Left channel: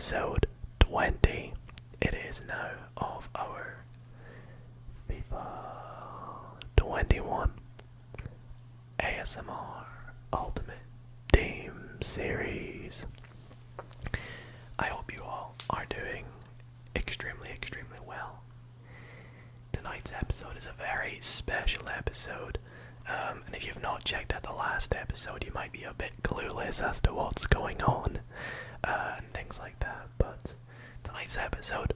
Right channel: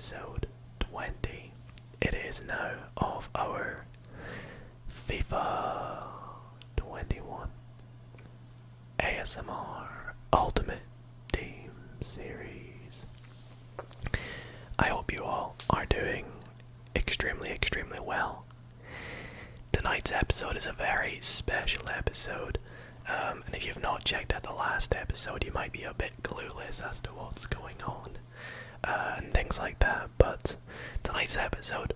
episode 20 it is now of our FIFA 21 ASMR Ultimate Team Series. I hope you all are doing extremely well. Tonight's episode is a very special episode, and if you've not checked out the last episode, you might be a bit clueless as to what's going on, and things like that. But tonight's episode,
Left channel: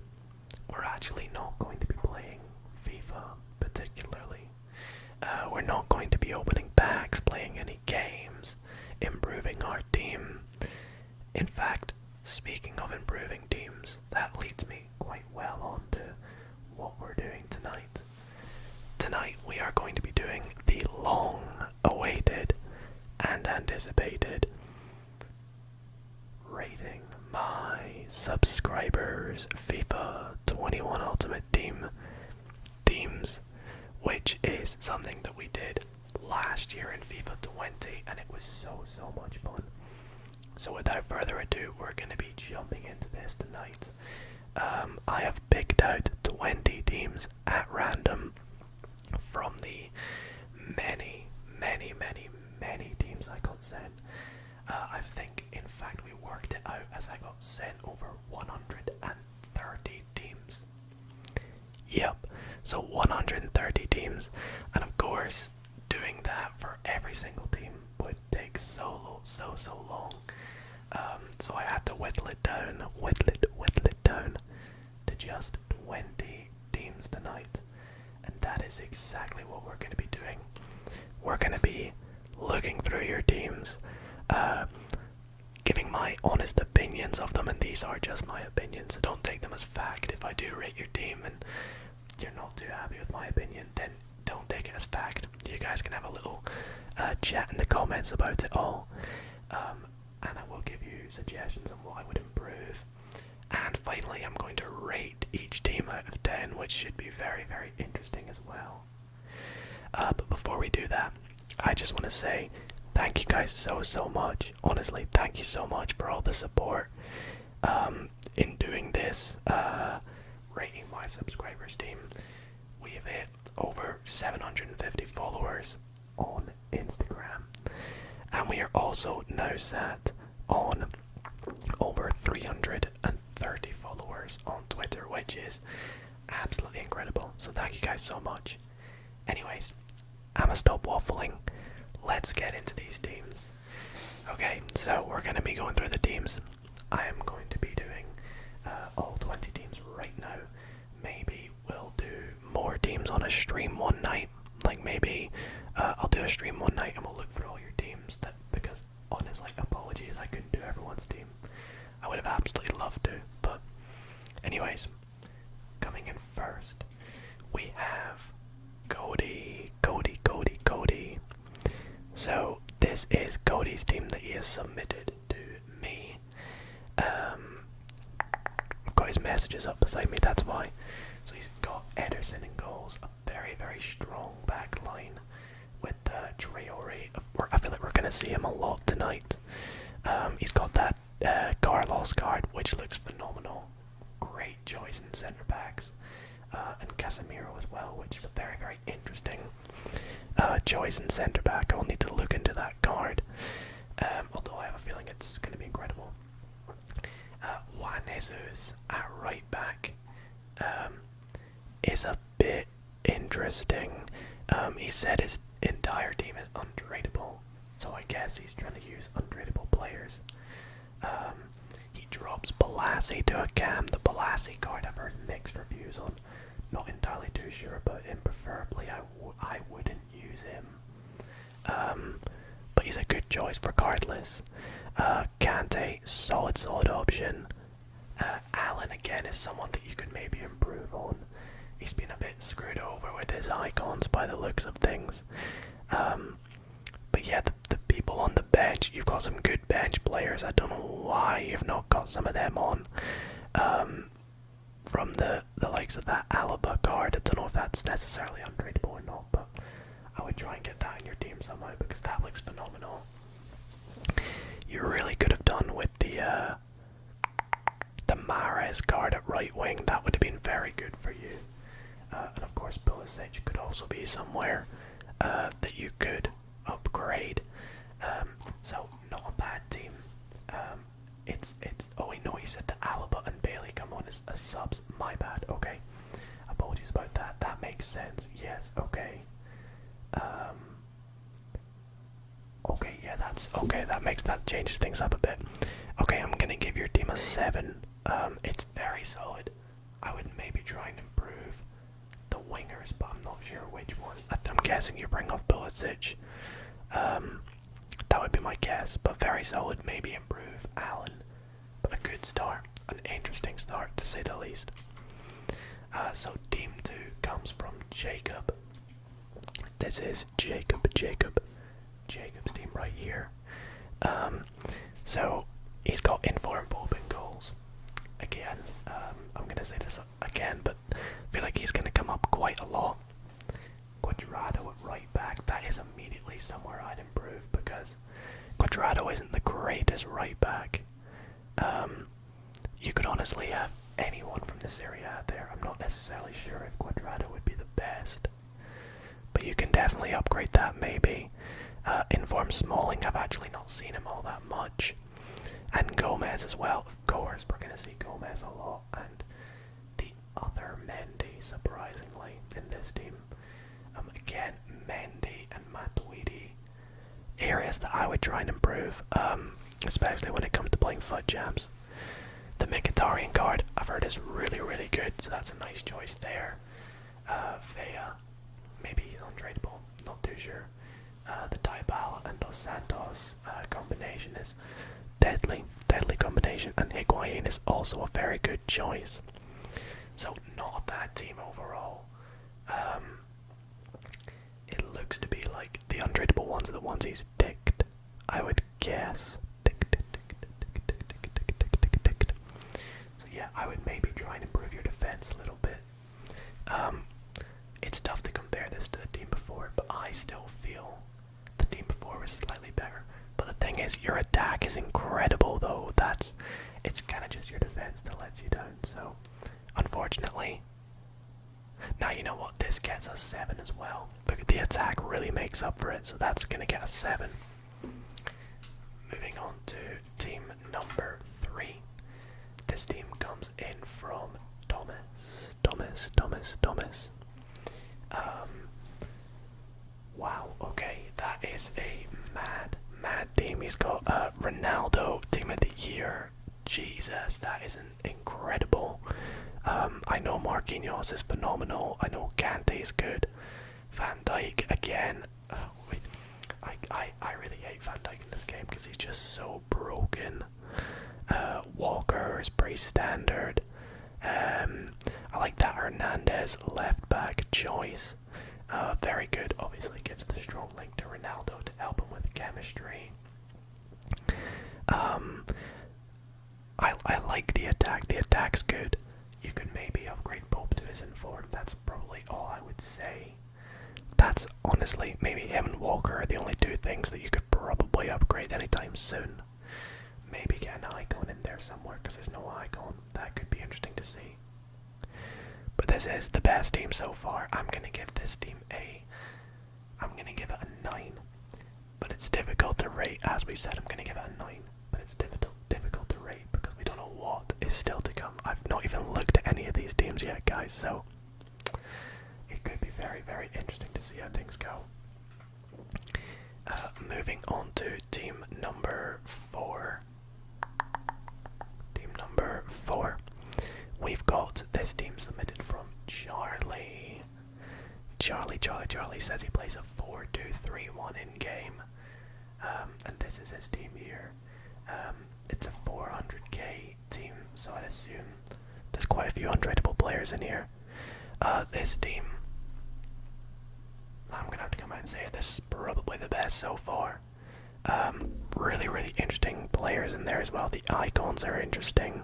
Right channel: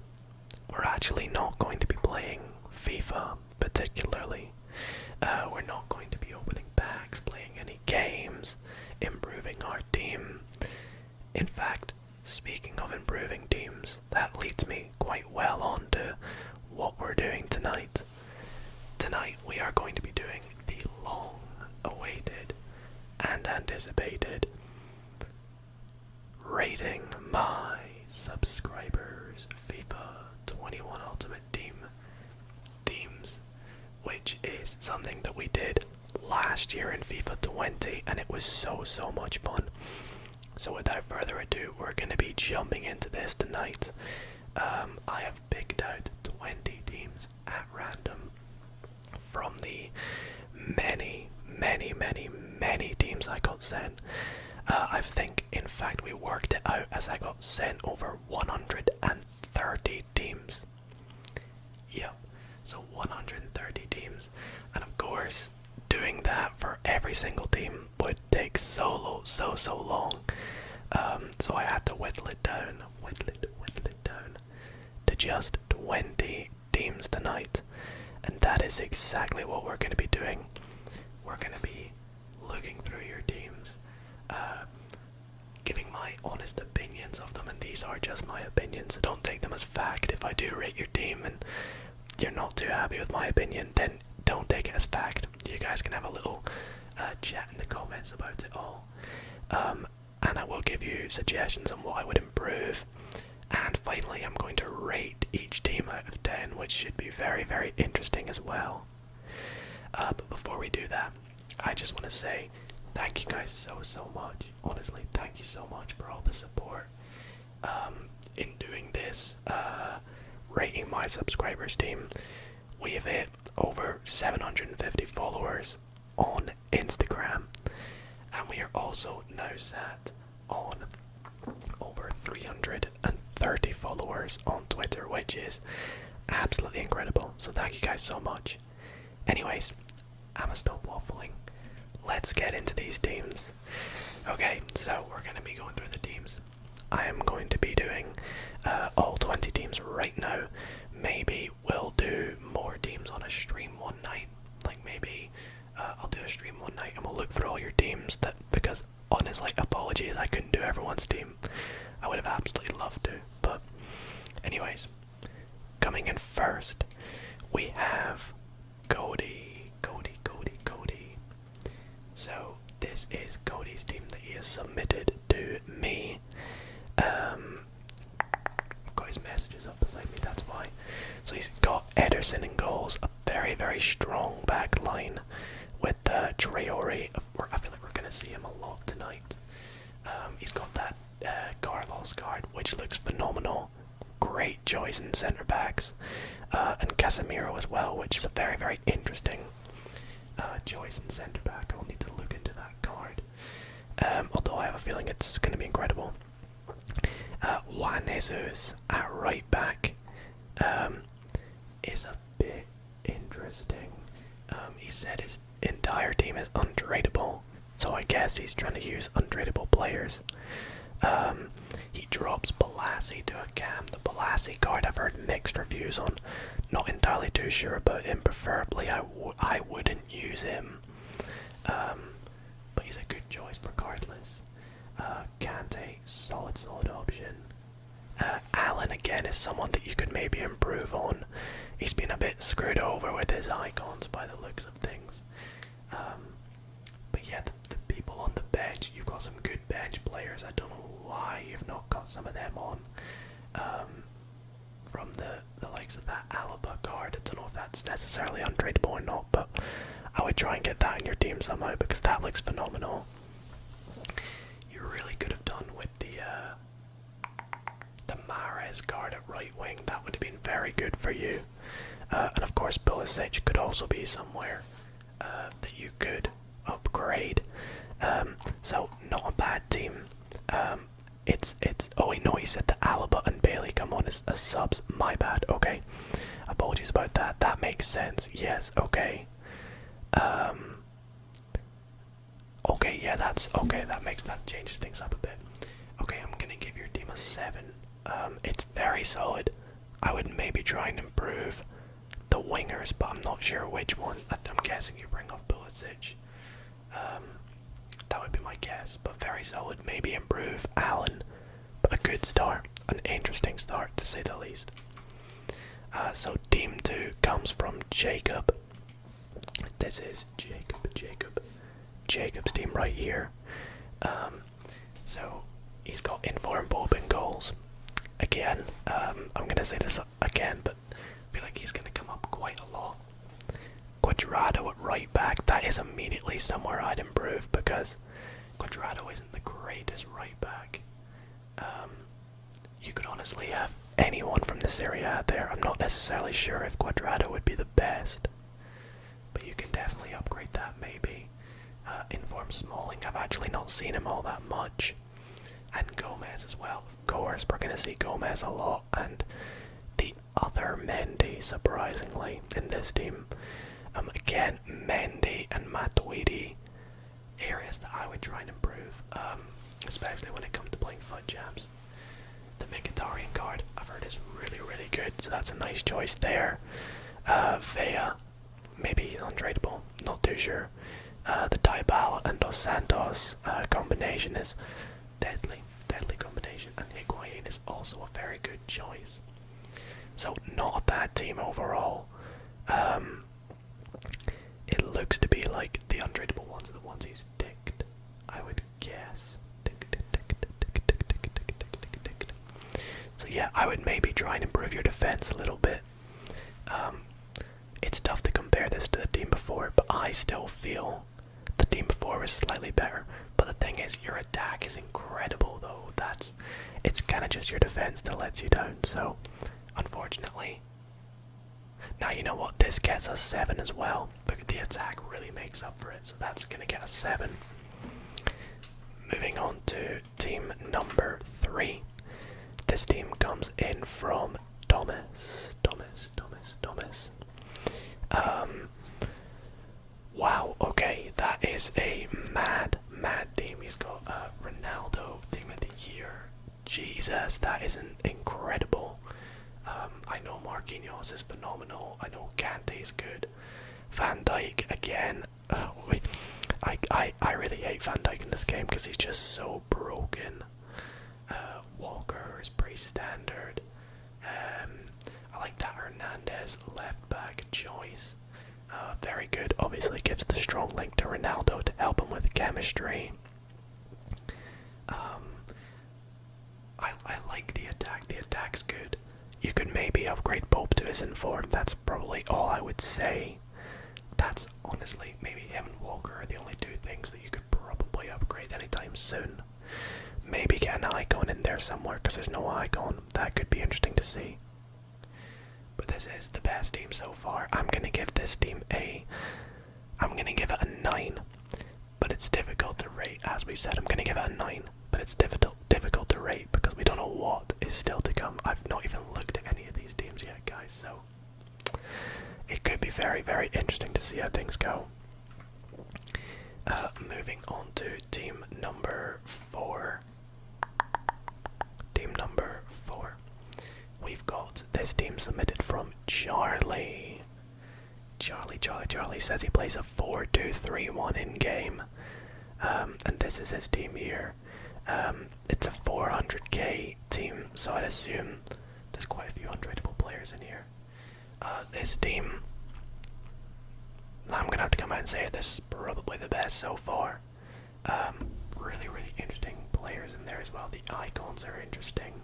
we're actually not going to be playing FIFA particularly. We're not going to be opening packs, playing any games, improving our team. In fact, speaking of improving teams, that leads me quite well on to what we're doing tonight. Tonight we are going to be doing the long-awaited and anticipated Rating My Subscribers FIFA 21 Ultimate Teams, which is something that we did last year in FIFA 20, and it was so much fun. So without further ado, we're going to be jumping into this tonight. I have picked out 20 teams at random from the many teams I got sent. I think, in fact, we worked it out as I got sent over 130 teams. Yep, so 130 teams, and of course, doing that for every single team would take so long. So I had to whittle it down to just 20 teams tonight, and that is exactly what we're going to be doing. We're going to be looking through your teams, giving my honest opinions of them, and these are just my opinions, so don't take them as fact. If I do rate your team and you're not too happy with my opinion, then don't take it as fact. You guys can have a little chat in the comments about it all, and I will give you suggestions on what I would improve. And finally, I'm going to rate each team out of 10, which should be very interesting as well. But before we do that, I just want to say thank you guys so much. Honestly, thank you so much for all the support in doing this Rating My Subscribers team. We have hit over 750 followers on Instagram, and we are also now sat on over 330 followers on Twitter, which is absolutely incredible. So thank you guys so much. Anyways, I'ma stop waffling. Let's get into these teams. Okay, so we're going to be going through the teams. I am going to be doing all 20 teams right now. Maybe we'll do more teams on a stream one night. Like maybe I'll do a stream one night and we'll look through all your teams. Because honestly, apologies, I couldn't do everyone's team. I would have absolutely loved to. But anyways, coming in first, we have Cody. So this is Cody's team that he has submitted to me. I've got his messages up beside me, that's why. So he's got Ederson in goals, a very strong back line with Traore. I feel like we're going to see him a lot tonight. He's got that Carlos card, which looks phenomenal. Great choice in centre backs. And Casemiro as well, which is a very interesting choice in centre back. I'll need to look into that card, although I have a feeling it's going to be incredible. Juan Jesus at right back is a bit interesting. He said his entire team is untradeable, so I guess he's trying to use untradeable players. He drops Balassi to a Cam. The Balassi card I've heard mixed reviews on. Not entirely too sure about him. Preferably I wouldn't use him. But he's a good choice regardless. Kante, solid option. Allen again is someone that you could maybe improve on. He's been a bit screwed over with his icons by the looks of things. But yeah, the people on the bench, you've got some good bench players. I don't know why you've not got some of them on. From the likes of that Alaba card. I don't know if that's necessarily untradeable or not, but I would try and get that in your team somehow because that looks phenomenal. You really could have done with the very good for you. And of course, Pulisic could also be somewhere that you could upgrade. So not a bad team. It's oh wait, no, he said that Alaba and Bailey come on as subs. My bad. Okay, apologies about that. That makes sense. Yes. Okay. Okay. Yeah. That's okay. That changes things up a bit. Okay, I'm gonna give your team a 7. It's very solid. I would maybe try and improve the wingers, but I'm not sure which one. I'm guessing you bring off Pulisic. That would be my guess, but very solid. Maybe improve Allen, but a good start, an interesting start to say the least. So team 2 comes from Jacob. This is Jacob's team right here. So he's got Inform Bob in goals. Again, I'm gonna say this again, but I feel like he's gonna come up quite a lot. Quadrado at right back, that is immediately somewhere I'd improve because Quadrado isn't the greatest right back. You could honestly have anyone from this area there. I'm not necessarily sure if Quadrado would be the best, but you can definitely upgrade that maybe. Inform Smalling, I've actually not seen him all that much. And Gomez as well, of course, we're going to see Gomez a lot. And the other Mendy, surprisingly, in this team. Again, Mendy and Matuidi, areas that I would try and improve, especially when it comes to playing foot jams. The Mkhitaryan card, I've heard is really, really good, so that's a nice choice there. Vea, maybe he's untradeable, not too sure. The Dybala and Dos Santos combination is deadly combination, and Higuain is also a very good choice. So not a bad team overall. It looks to be like the untradeable ones are the ones he's ticked, I would guess. So yeah, I would maybe try and improve your defense a little bit. It's tough to compare this to the team before, but I still feel the team before was slightly better. But the thing is, your attack is incredible though. It's kind of just your defense that lets you down. So, unfortunately. Now you know what, this gets a 7 as well, but the attack really makes up for it, so that's gonna get a 7. Moving on to team number 3. This team comes in from Thomas. Wow, okay, that is a mad team. He's got Ronaldo, team of the year. Jesus, that is incredible. I know Marquinhos is phenomenal. I know Kante is good. Van Dijk again. I really hate Van Dijk in this game because he's just so broken. Walker is pretty standard. I like that Hernandez left back choice. Very good. Obviously gives the strong link to Ronaldo to help him with chemistry. I like the attack. The attack's good. You could maybe upgrade Pope to his inform. That's probably all I would say. That's honestly, maybe him and Walker are the only two things that you could probably upgrade anytime soon. Maybe get an icon in there somewhere because there's no icon. That could be interesting to see. But this is the best team so far. I'm going to give this team I'm going to give it a 9. But it's difficult to rate. As we said, I'm going to give it a 9. But it's difficult to rate because we don't know what is still to come. I've not even looked at any of these teams yet, guys. So it could be very, very interesting to see how things go. Moving on to team number 4. Team number 4. We've got this team submitted from Charlie. Charlie says he plays a 4-2-3-1 in game. And this is his team here. It's a 400k team, so I'd assume there's quite a few untradeable players in here. This team, I'm gonna have to come out and say it, this is probably the best so far. Really, really interesting players in there as well. The icons are interesting.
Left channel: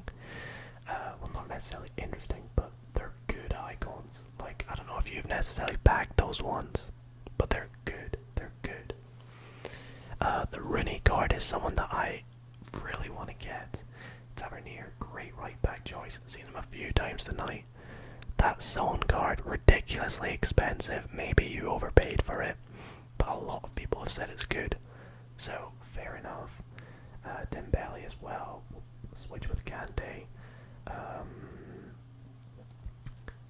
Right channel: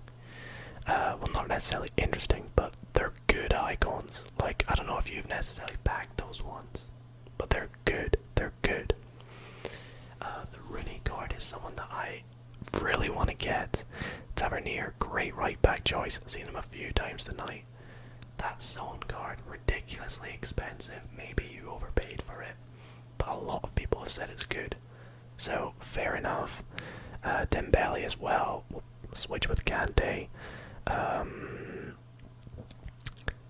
Well, not necessarily interesting, but they're good icons. Like, I don't know if you've necessarily packed those ones, but they're good. They're good. The Rooney card is someone that I really want to get. Tavernier, great right back choice. Seen him a few times tonight. that zone card, ridiculously expensive. Maybe you overpaid for it, but a lot of people have said it's good. So, fair enough. Dembele as well. We'll switch with Kante.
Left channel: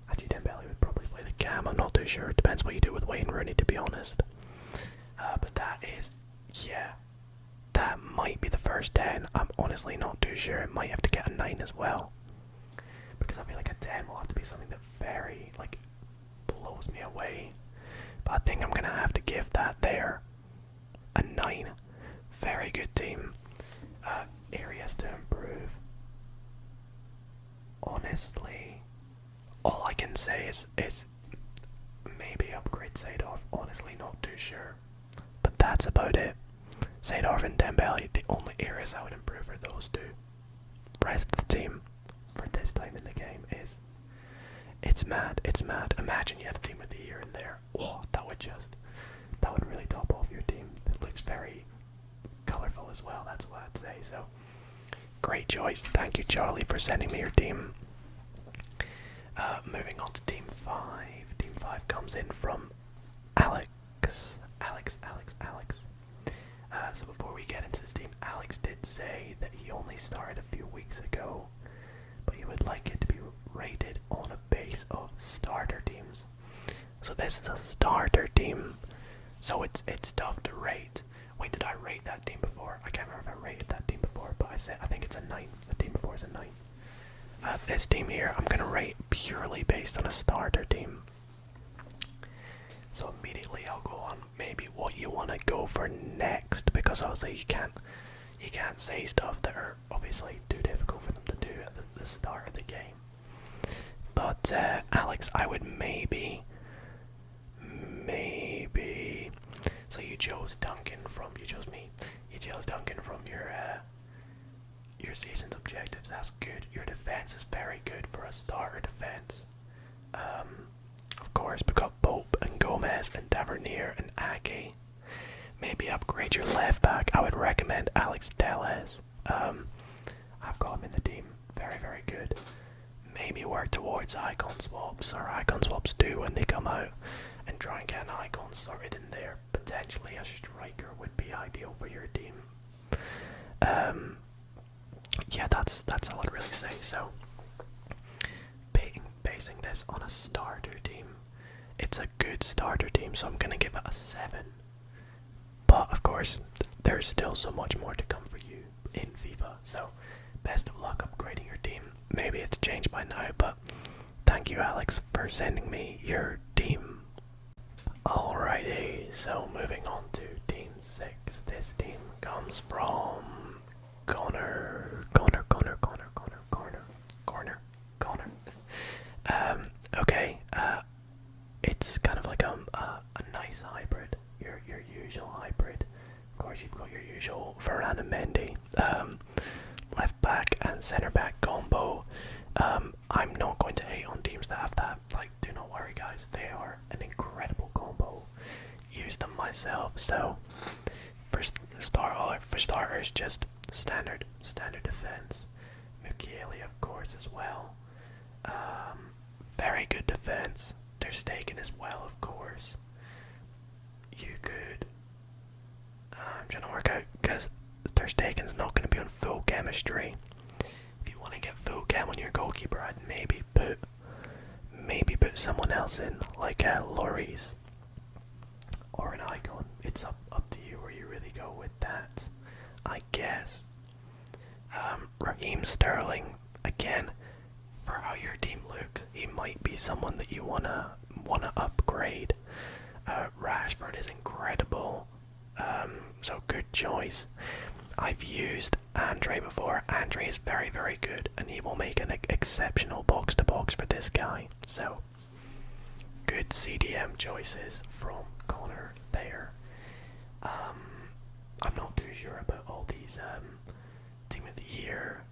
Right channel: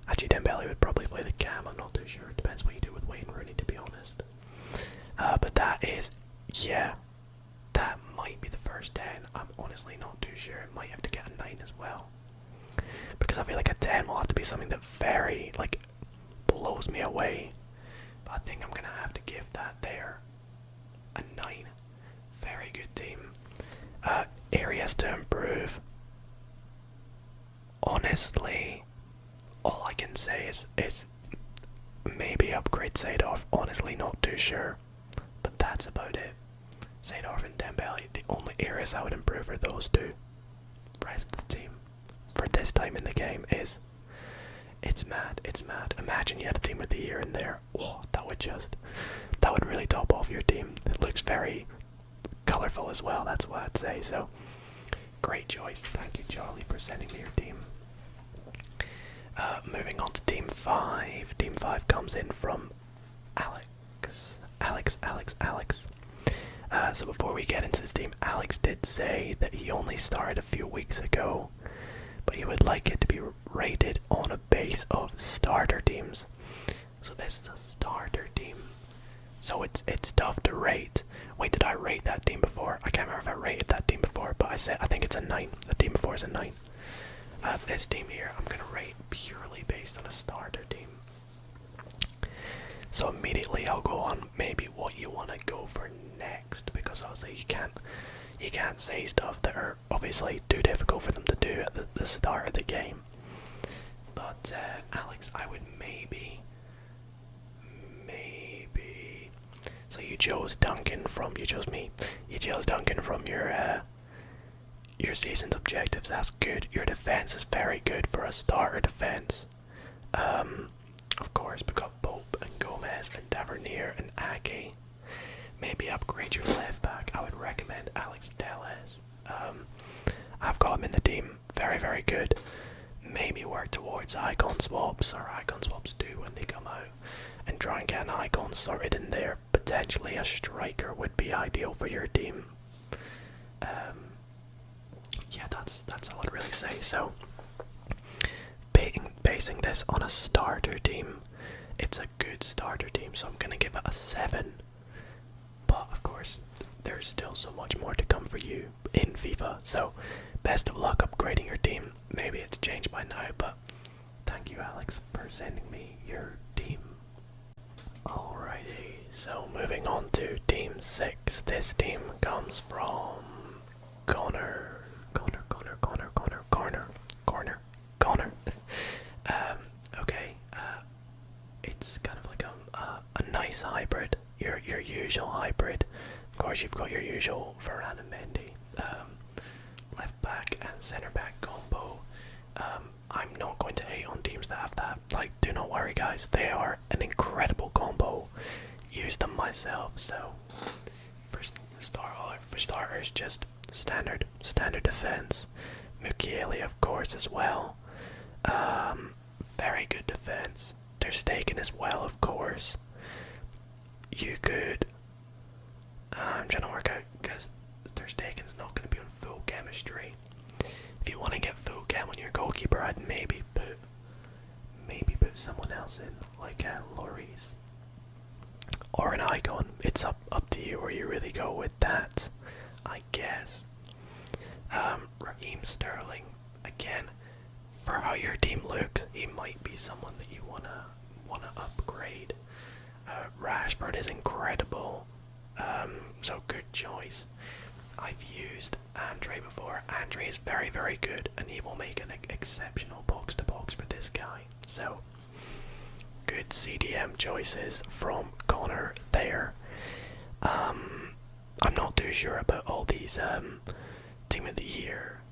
Actually, Dembele would probably play the cam. I'm not too sure. It depends what you do with Wayne Rooney, to be honest. But that is, yeah, that might be the first 10. I'm honestly not too sure. It might have to get a 9 as well. Because I feel like a 10 will have to be something that very, like, blows me away. But I think I'm going to have to give that there a 9. Very good team. Areas to improve. Honestly, all I can say is maybe upgrade Seedorf. Honestly, not too sure. But that's about it. Seedorf and Dembele, the only areas I would improve are those two. Rest of the team, for this time in the game, it's mad, it's mad. Imagine you had a team of the year in there. Oh, that would really top off your team. It looks very colourful as well, that's what I'd say. So, great choice. Thank you, Charlie, for sending me your team. Moving on to Team 5. Team 5 comes in from Alex. So before we get into this team, Alex did say that he only started a few weeks ago, but he would like it to be rated on a base of starter teams. So this is a starter team, so it's tough to rate. Wait, did I rate that team before? I can't remember if I rated that team before, but I think it's a 9. The team before is a 9. This team here, I'm gonna rate purely based on a starter team. So immediately I'll go on maybe what you want to go for next, because obviously you can't say stuff that are obviously too difficult for them to do at the start of the game. But Alex, I would maybe. So you chose Duncan from your season's objectives. That's good. Your defense is very good for a starter defense. Of course, we got Pope and Gomez and Tavernier and Ake. Maybe upgrade your left back. I would recommend Alex Telles. I've got him in the team. Very, very good. Maybe work towards icon swaps or icon swaps 2 when they come out, and try and get an icon sorted in there. Potentially a striker would be ideal for your team. Yeah, that's all I'd really say. So, basing this on a starter team, it's a good starter team, so I'm gonna give it a 7. But of course, there's still so much more to come for you in FIFA. So, best of luck upgrading your team. Maybe it's changed by now, but thank you, Alex, for sending me your team. Alrighty, so moving on to Team 6. This team comes from Connor. Okay, it's kind of like a nice hybrid, your usual hybrid. Of course, you've got your usual Varane and Mendy, left back and centre back combo. I'm not going to hate on teams that have that. Like, do not worry, guys. They are an incredible combo. Use them myself. So, for starters, just standard defense. Mukiele, of course, as well. Very good defense. Ter Stegen as well, of course. You could. I'm trying to work out, because Ter Stegen's not going to be on full chemistry. If you want to get full chem on your goalkeeper, I'd maybe put someone else in, like Lloris or an icon. It's up to you where you really go with that, I guess. Raheem Sterling, again, for how your team looks, he might be someone that you wanna upgrade. Rashford is incredible, so good choice. I've used Andre before. Andre is very, very good, and he will make an exceptional box-to-box for this guy. So, good CDM choices from Connor there. I'm not too sure about all these Team of the Year,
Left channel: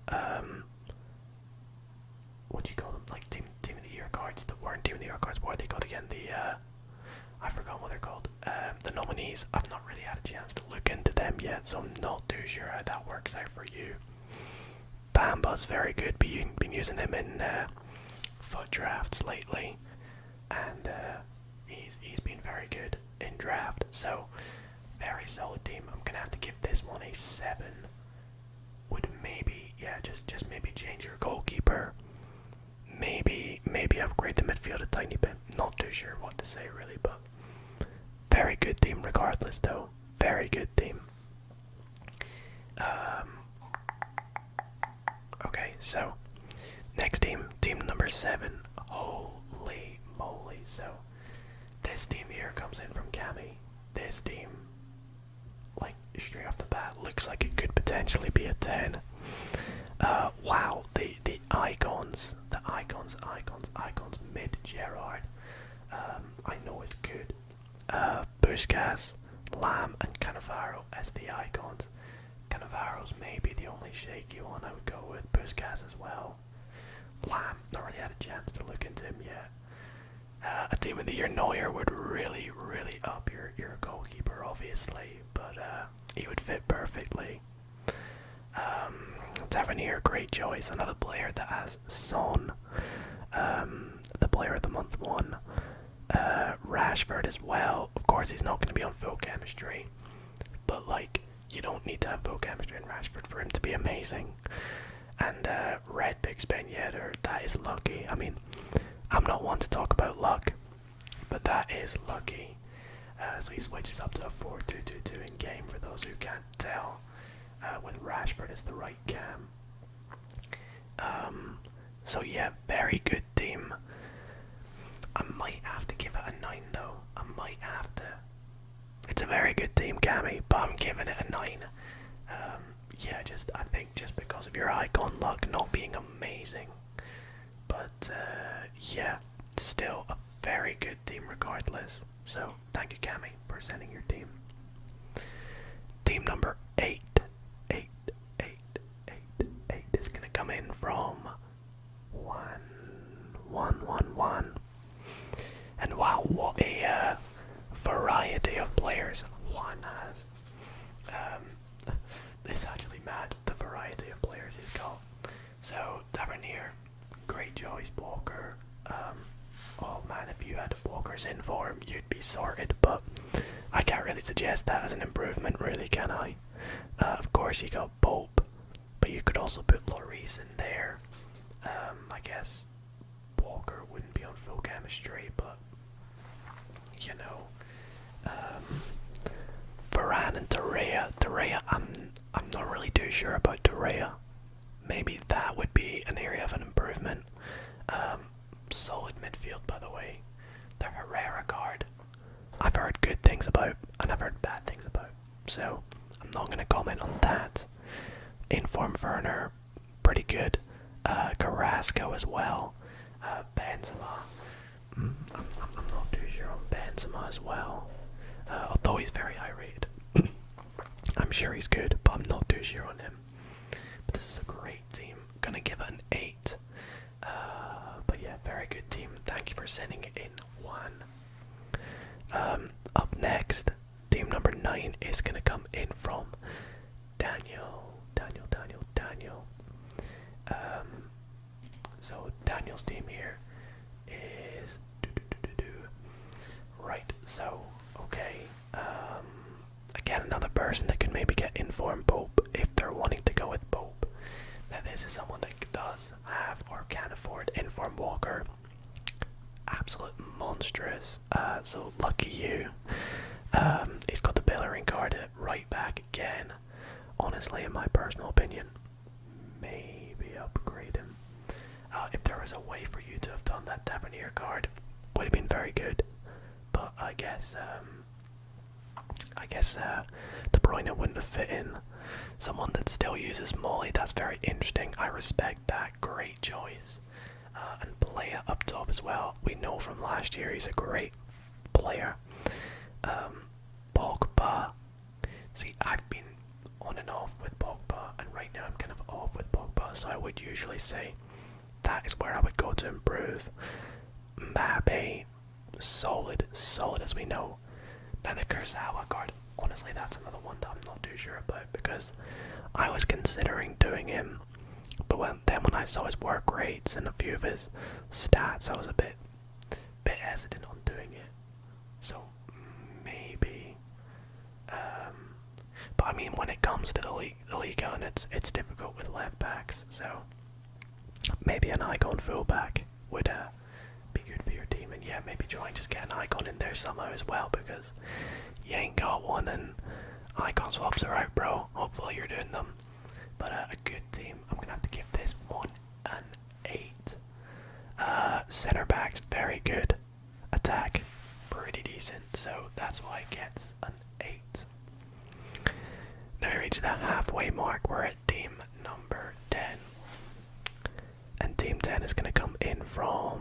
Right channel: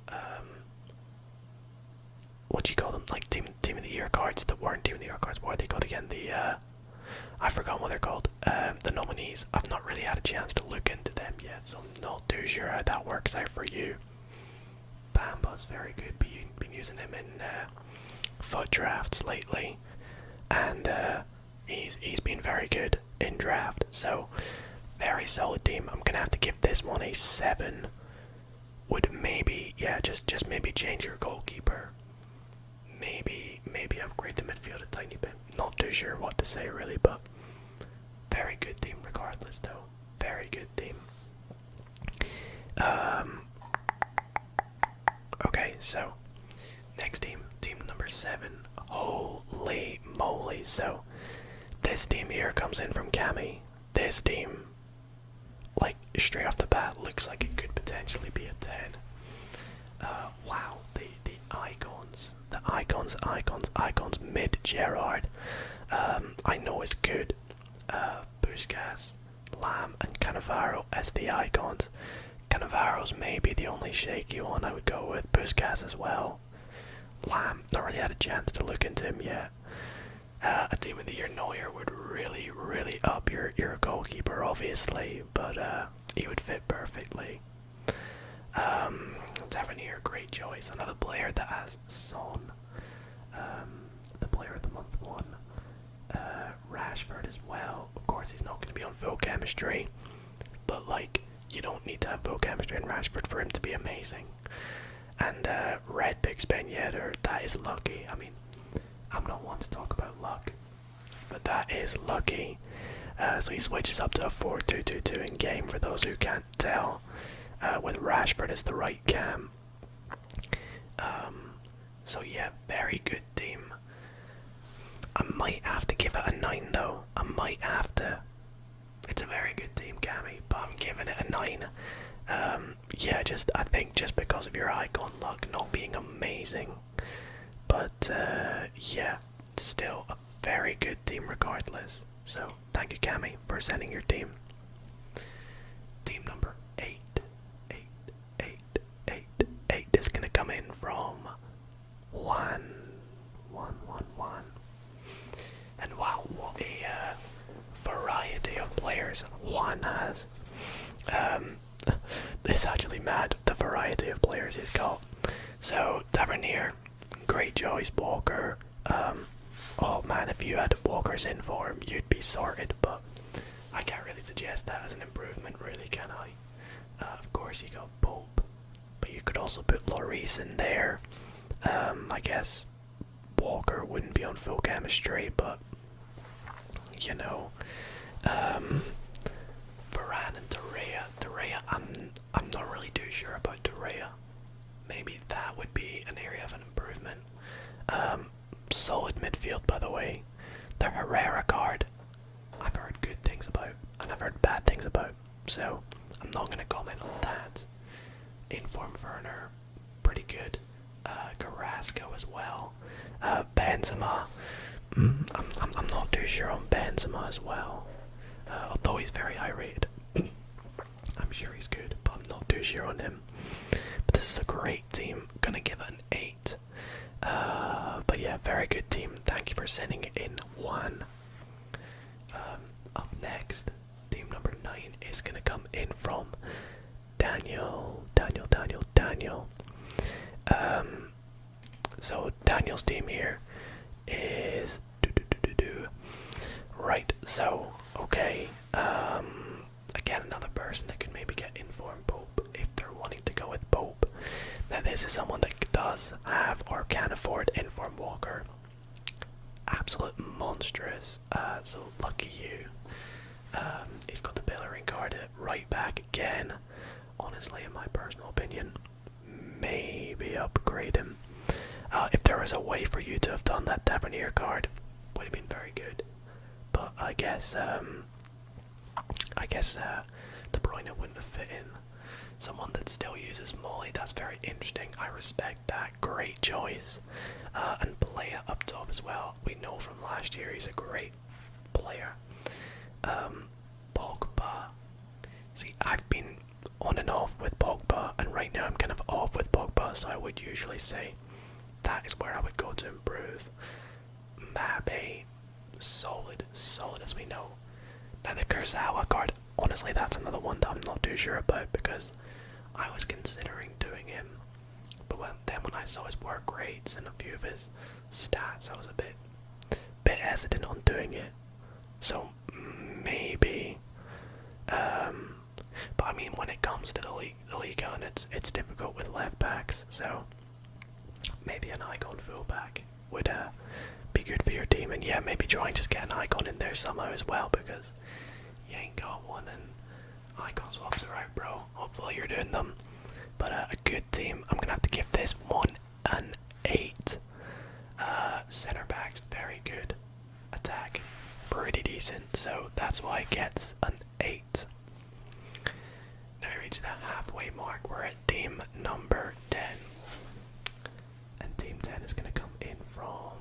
what do you call them? Like team of the Year cards that weren't Team of the Year cards. What are they called again? I forgot what they're called. The nominees. I've not really had a chance to look into them yet, so I'm not too sure how that works out for you. Bamba's very good. Been using him in foot drafts lately, and he's been very good in draft. So very solid team. I'm gonna have to give this one a 7. Would maybe, yeah, just maybe change your goalkeeper. Maybe upgrade the midfield a tiny bit. Not too sure what to say really, but very good team regardless though. Very good team. Okay, so next team, team number 7. Holy moly! So this team here comes in from Cammy. This team, like straight off the bat, looks like it could potentially be a 10. Wow, the icons, mid Gerard. I know is good. Busquets, Lamb, and Cannavaro as the icons. Cannavaro's maybe the only shaky one I would go with. Busquets as well. Lamb, not really had a chance to look into him yet. A team of the year Neuer would really up your goalkeeper, obviously, but he would fit perfectly. Tavernier, great choice. Another player that has Son, the player of the month 1. Rashford as well. Of course, he's not going to be on full chemistry, but like, you don't need to have full chemistry in Rashford for him to be amazing. And Red picks Ben Yedder. That is lucky. I mean, I'm not one to talk about luck, but that is lucky. So he switches up to a 4-2-2-2 in game for those who can't tell, with Rashford as the right cam. So yeah, very good team. I might have to give it a 9 though. I might have to. It's a very good team, Cammy, but I'm giving it a 9. Yeah, I think just because of your icon luck not being amazing. But yeah, still a very good team regardless. So thank you, Cammy, for sending your team. Team number 8 is gonna come in from 1. And wow, what a variety of players Juan has. It's actually mad, the variety of players he's got. So Tavernier, great choice. Walker, oh man, if you had Walker's in form, you'd be sorted, but I can't really suggest that as an improvement, really, can I? Of course you got Pope, but you could also put Lloris in there. I guess Walker wouldn't be on full chemistry, but you know, Varane and Torreira, I'm not really too sure about Torreira. Maybe that would be an area of an improvement. Solid midfield, by the way. The Herrera card, I've heard good things about, and I've heard bad things about, so I'm not going to comment on that. Inform Werner, pretty good. Carrasco as well. Benzema, I'm not too sure on Benzema as well. Although he's very high rated. I'm sure he's good, but I'm not too sure on him. But this is a great team. Gonna give it an 8. But yeah, very good team. Thank you for sending it in. 1. Up next, team number 9 is gonna come in from Daniel. So Daniel's team here is right. So okay. Again, another person that could maybe get Inform Pope if they're wanting to go with Pope. Now this is someone that does have or can afford Inform Walker. Absolute monstrous. So lucky you. He's got the Bellerin card at right back again. Honestly, in my personal opinion, maybe upgrade him. If there was a way for you to have done that Tavernier card, would have been very good. But I guess De Bruyne wouldn't have fit in. Someone that still uses Molly, that's very interesting. I respect that. Great choice. And Playa up top as well. We know from last year he's a great player. Pogba. See, I've been on and off with Pogba, and right now I'm kind of off with Pogba, so I would usually say that is where I would go to improve. Mbappe, solid as we know. Now the Kurzawa card, honestly that's another one that I'm not too sure about, because I was considering doing him, but when I saw his work rates and a few of his stats, I was a bit hesitant on doing it. So maybe, but I mean, when it comes to the league on, it's difficult with left backs. So maybe an icon fullback would be good for your team, and yeah, maybe try and just get an icon in there somehow as well, because you ain't got one, and icon swaps are out, bro. Hopefully you're doing them. But a good team. I'm gonna have to give this one an 8. Center backs very good. Attack pretty decent, so that's why it gets an 8. Now we reach the halfway mark. We're at team number 10, and team 10 is gonna come in from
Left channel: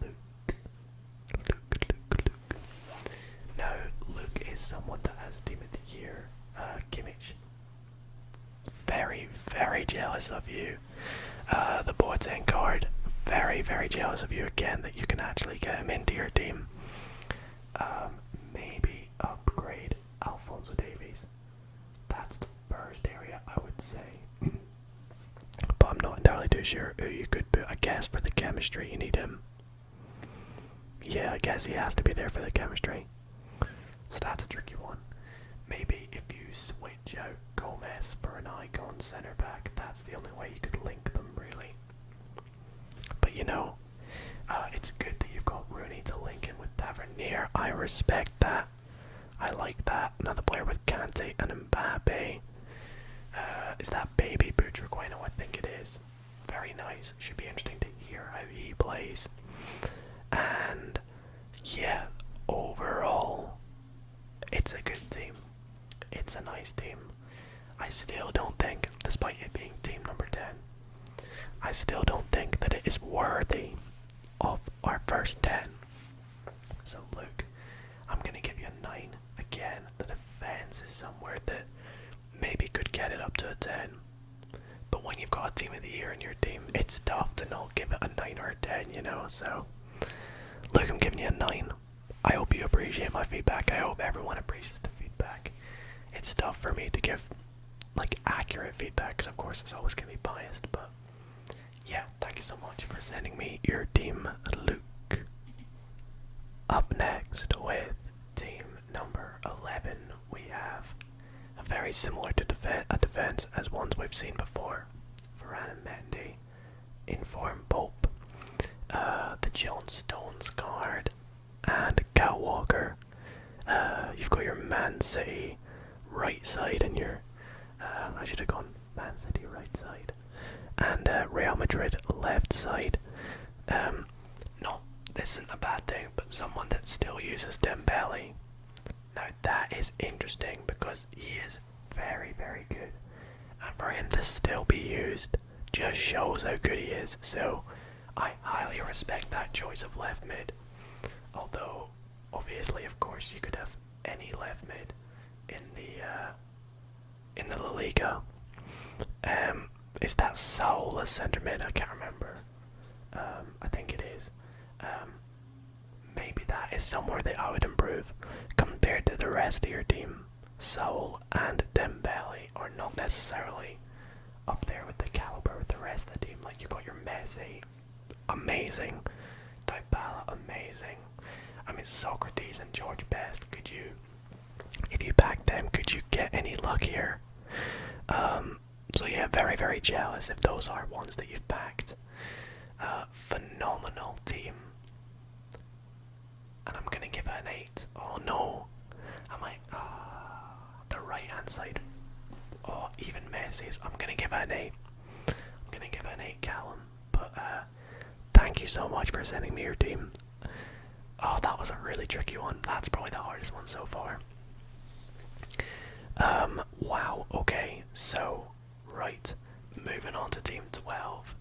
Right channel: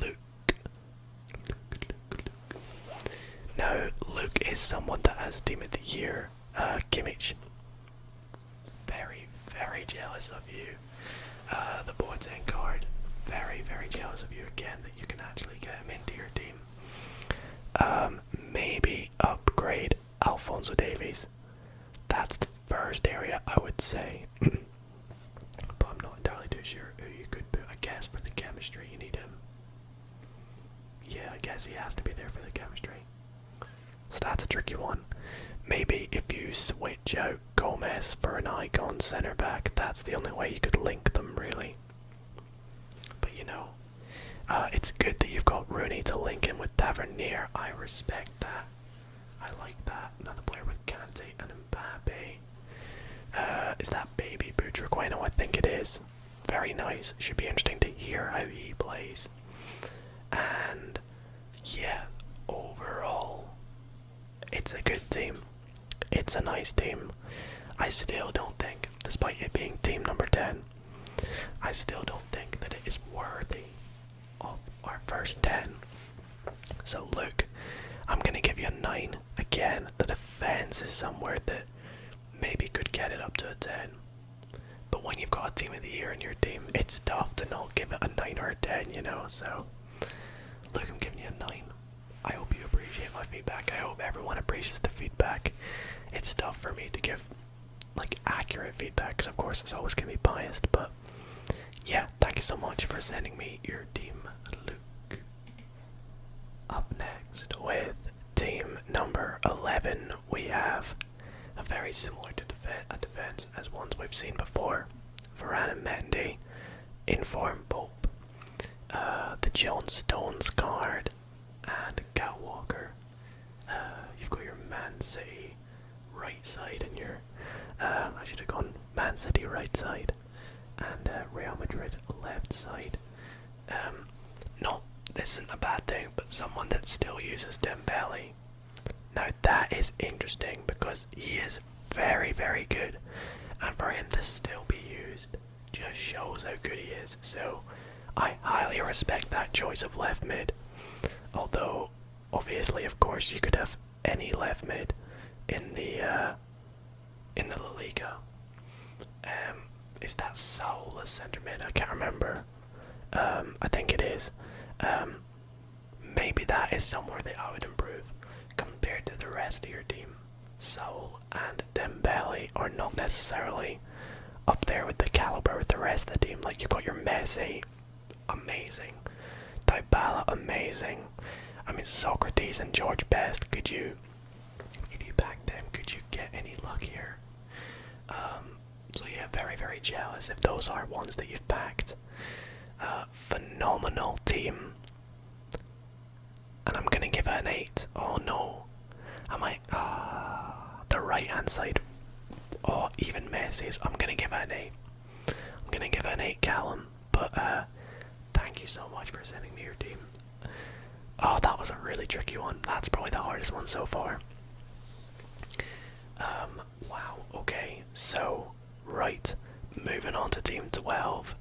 Luke. Now Luke is someone that has team of the year. Kimmich. Very, very jealous of you. The Boateng card. Very, very jealous of you again that you can actually get him into your team. Maybe upgrade Alphonso Davies. That's the first area I would say. But I'm not entirely too sure who you could put. I guess for the chemistry you need him. Yeah, I guess he has to be there for the chemistry. So that's a tricky one. Maybe if you switch out Gomez for an icon centre back, that's the only way you could link them, really. But you know, it's good that you've got Rooney to link in with Tavernier. I respect that. I like that. Another player with Kante and Mbappe. Is that Baby Butragueno? I think it is. Very nice. Should be interesting to hear how he plays. And yeah, overall, it's a good team. It's a nice team. I still don't think, despite it being team number 10, I still don't think that it is worthy of our first 10. So look, I'm going to give you a 9. Again, the defense is somewhere that maybe could get it up to a 10. But when you've got a team of the year in your team, it's tough to not give it a 9 or a 10, you know. So look, I'm giving you a 9. I hope you appreciate my feedback. I hope everyone appreciates the feedback. It's tough for me to give like accurate feedback, because of course it's always going to be biased, but yeah, thank you so much for sending me your team, Luke. Up next with team number 11, we have a very similar to defense as ones we've seen before. Varane and Mendy, Inform Pope, the John Stones card, and Kyle Walker. You've got your Man City right side and your I should have gone Man City right side and Real Madrid left side. This isn't a bad thing, but someone that still uses Dembele. Now that is interesting because he is very, very good, and for him to still be used just shows how good he is. So I highly respect that choice of left mid. Although obviously, of course, you could have any left mid in the La Liga. Is that Saul a centre mid? I can't remember. I think it is. Maybe that is somewhere that I would improve compared to the rest of your team. Saul and Dembele are not necessarily up there with the caliber with the rest of the team. Like, you've got your Messi, amazing. Dybala, amazing. I mean, Socrates and George Best, could you, if you packed them, could you get any luckier? So yeah, very, very jealous if those are ones that you've packed. Phenomenal team. And I'm gonna give it an 8. Oh no. I might, the right hand side. Oh, even Messi's. I'm gonna give it an 8. I'm gonna give it an 8, Callum. But, thank you so much for sending me your team. Oh, that was a really tricky one. That's probably the hardest one so far. Wow, okay, so, right, moving on to team 12.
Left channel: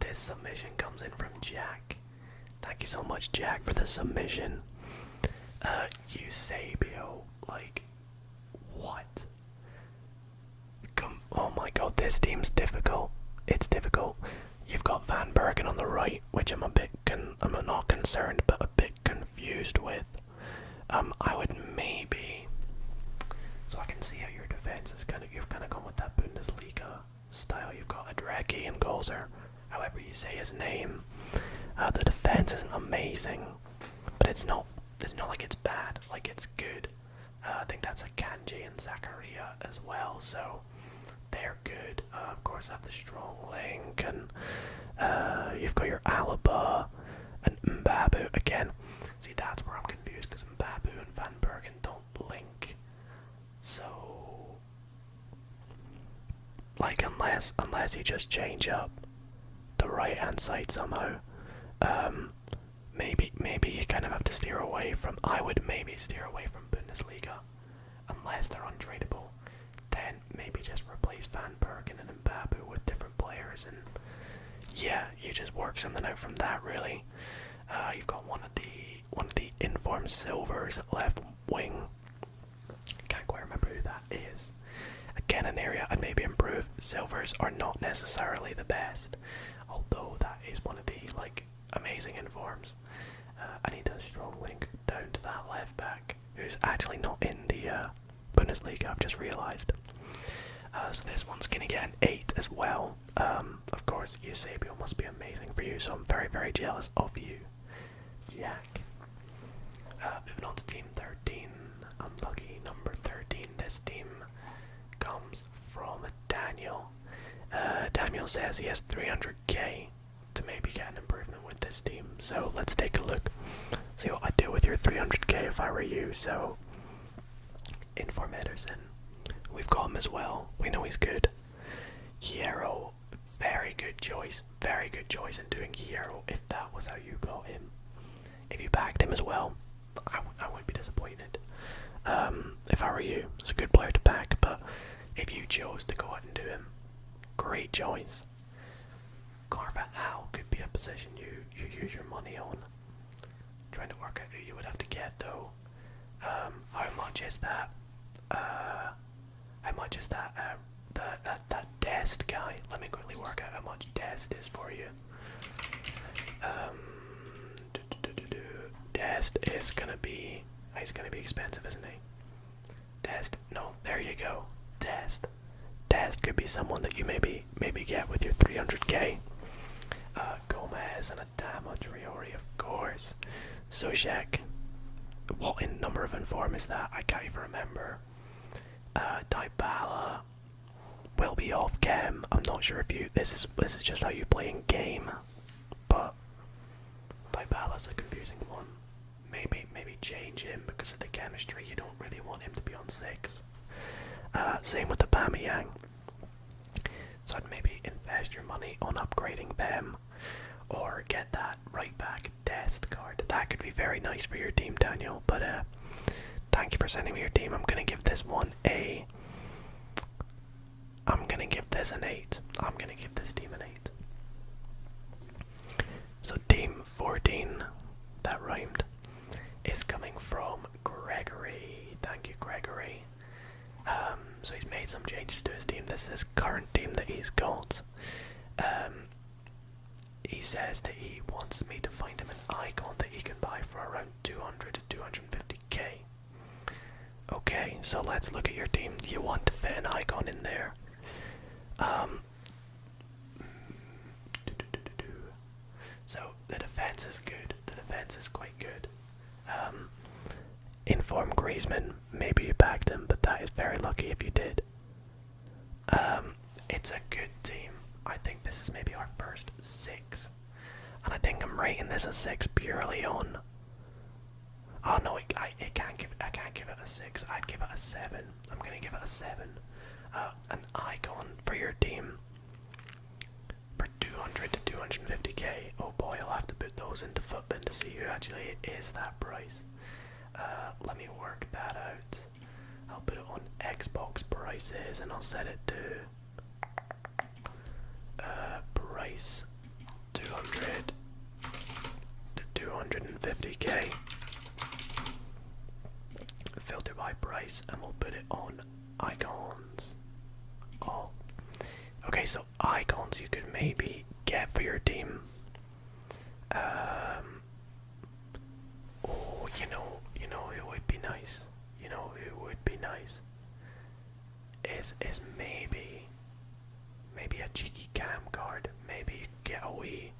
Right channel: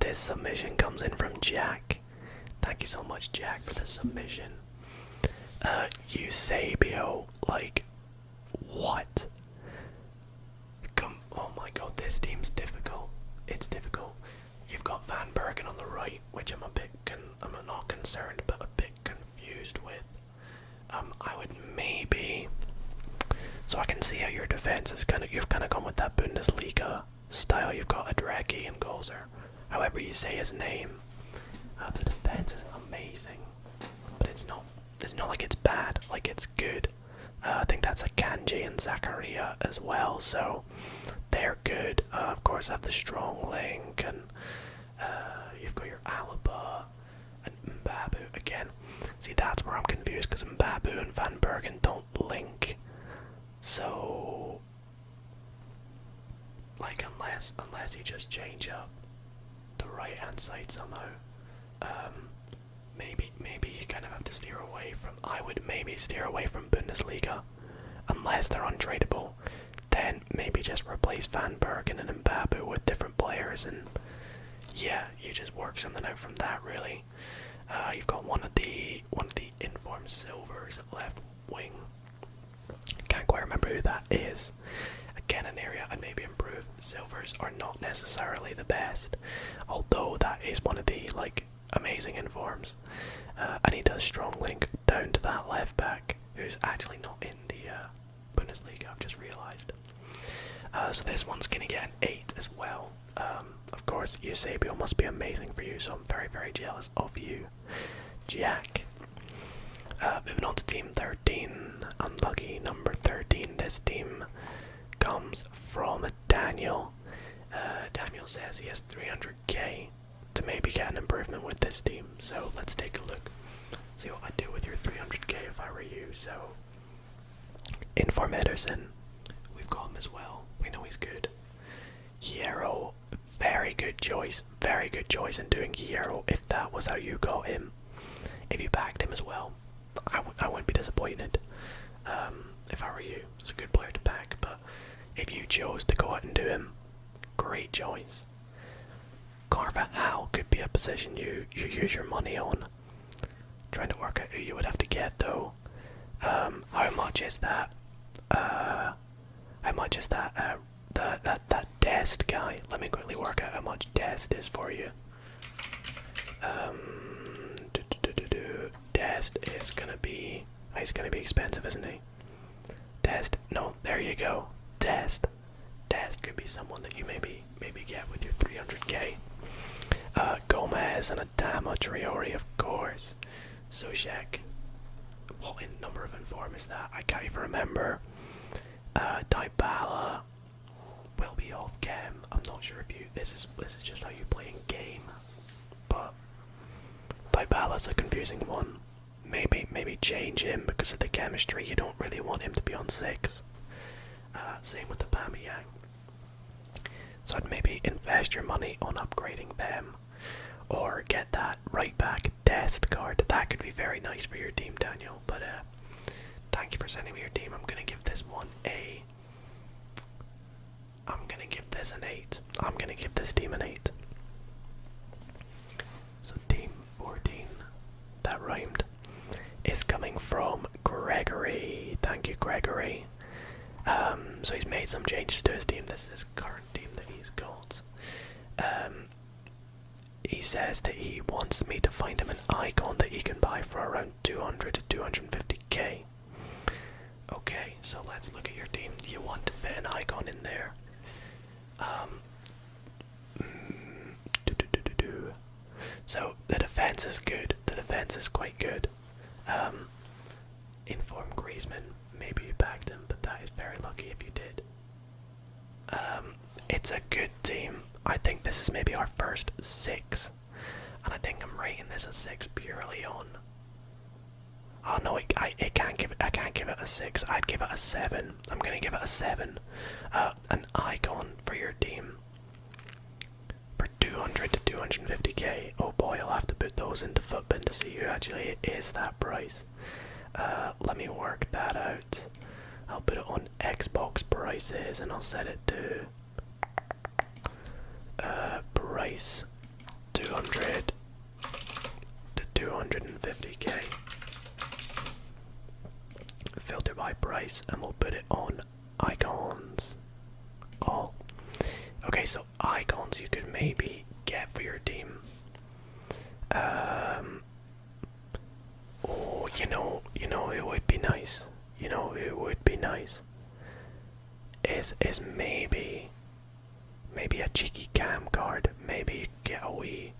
This submission comes in from Jack. Thank you so much, Jack, for the submission. Eusebio, like, what? Oh my god, this team's difficult. It's difficult. You've got Van Bergen on the right, which I'm I'm not concerned, but a bit confused with. I would maybe, so I can see how your defense is you've kind of gone with that Bundesliga style you say his name. The defense isn't amazing, but it's not like it's bad, like it's good. I think that's a Kanji and Zakaria as well, so they're good. Of course, I have the strong link, and you've got your Alaba and Mbabu again. See, that's where I'm confused because Mbabu and Van Bergen don't link. So, like, unless you just change up the right hand side somehow, maybe you kind of have to steer away from. I would maybe steer away from Bundesliga, unless they're untradeable. Then maybe just replace Van Bergen and Mbabu with different players, and yeah, you just work something out from that. Really, you've got one of the informed silvers at left wing. Can't quite remember who that is. Again, an area I'd maybe improve. Silvers are not necessarily the best, although that is one of the amazing informs. I need a strong link down to that left back, who's actually not in the Bundesliga. I've just realised. So this one's gonna get an 8 as well. Of course, Eusebio must be amazing for you, so I'm very, very jealous of you, Jack. Moving on to team 13. Unlucky number 13. This team comes from Daniel. Daniel says he has 300k to maybe get an improvement with this team. So let's take a look. See what I'd do with your 300k if I were you. So, Inform Ederson. We've got him as well. We know he's good. Hierro. Very good choice. Very good choice in doing Hierro if that was how you got him. If you packed him as well, I wouldn't be disappointed. If I were you, it's a good player to pack, but if you chose to go out and do him, great choice. Carvajal could be a position you use your money on. Trying to work out who you would have to get though. How much is that? How much is that? That Dest guy. Let me quickly work out how much Dest is for you. Dest is gonna be. He's gonna be expensive, isn't he? Dest. No, there you go. Dest could be someone that you maybe get with your 300k. Gomez and Adama Traore, of course. Sojek. What in number of inform is that? I can't even remember. Dybala will be off cam. I'm not sure if you. This is just how you play in game, but Dybala's a confusing one. Maybe change him because of the chemistry. You don't really want him to be on 6. Same with the Aubameyang. So I'd maybe invest your money on upgrading them, or get that right back Dest card. That could be very nice for your team, Daniel. But thank you for sending me your team. I'm gonna give this one a. I'm gonna give this an 8. I'm gonna give this team an 8. So team 14, that rhymed, is coming from Gregory. Thank you, Gregory. So he's made some changes to his team. This is his current team that he's got. He says that he wants me to find him an icon that he can buy for around 200 to 250k. Okay, so let's look at your team. You want to fit an icon in there. So the defense is good. The defense is quite good. Inform Griezmann. Maybe you backed him, but that is very lucky if you did. It's a good team. I think this is maybe our first 6, and I think I'm rating this a 6 purely on. Oh no, I can't give it a 6. I'd give it a 7. I'm gonna give it a 7. An icon for your team for 200 to 250k. Oh boy, I'll have to put those into Footbin to see who actually is that price. Let me work that out. I'll put it on Xbox prices and I'll set it to price 200 to 250k. Filter by price, and we'll put it on icons. Oh, okay. So icons you could maybe get for your team. Oh, you know who would be nice. You know who would be nice. Is maybe a cheeky cam card. Maybe you get a Zoe,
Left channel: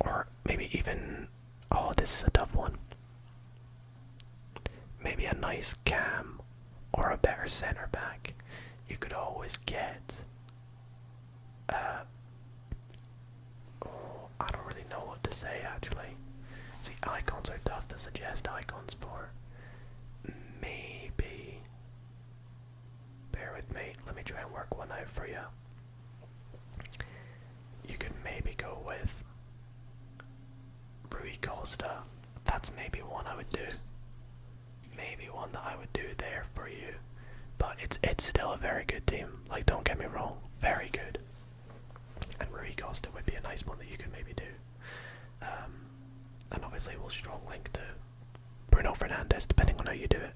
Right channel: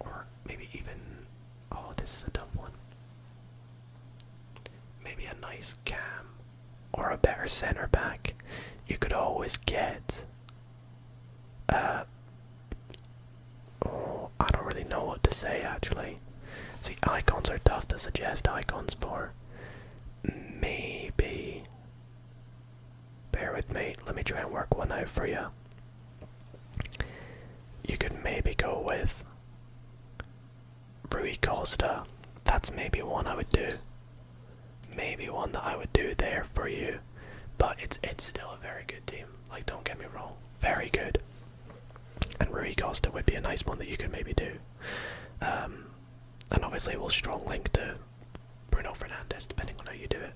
or maybe even, oh, this is a tough one. Maybe a nice Cam, or a better centre back. You could always get, oh, I don't really know what to say actually. See, icons are tough to suggest icons for. Maybe, bear with me, let me try and work one out for you. You could maybe go with Rui Costa. That's maybe one I would do. Maybe one that I would do there for you. But it's still a very good team. Like, don't get me wrong, very good. And Rui Costa would be a nice one that you could maybe do. And obviously we'll strong link to Bruno Fernandes depending on how you do it.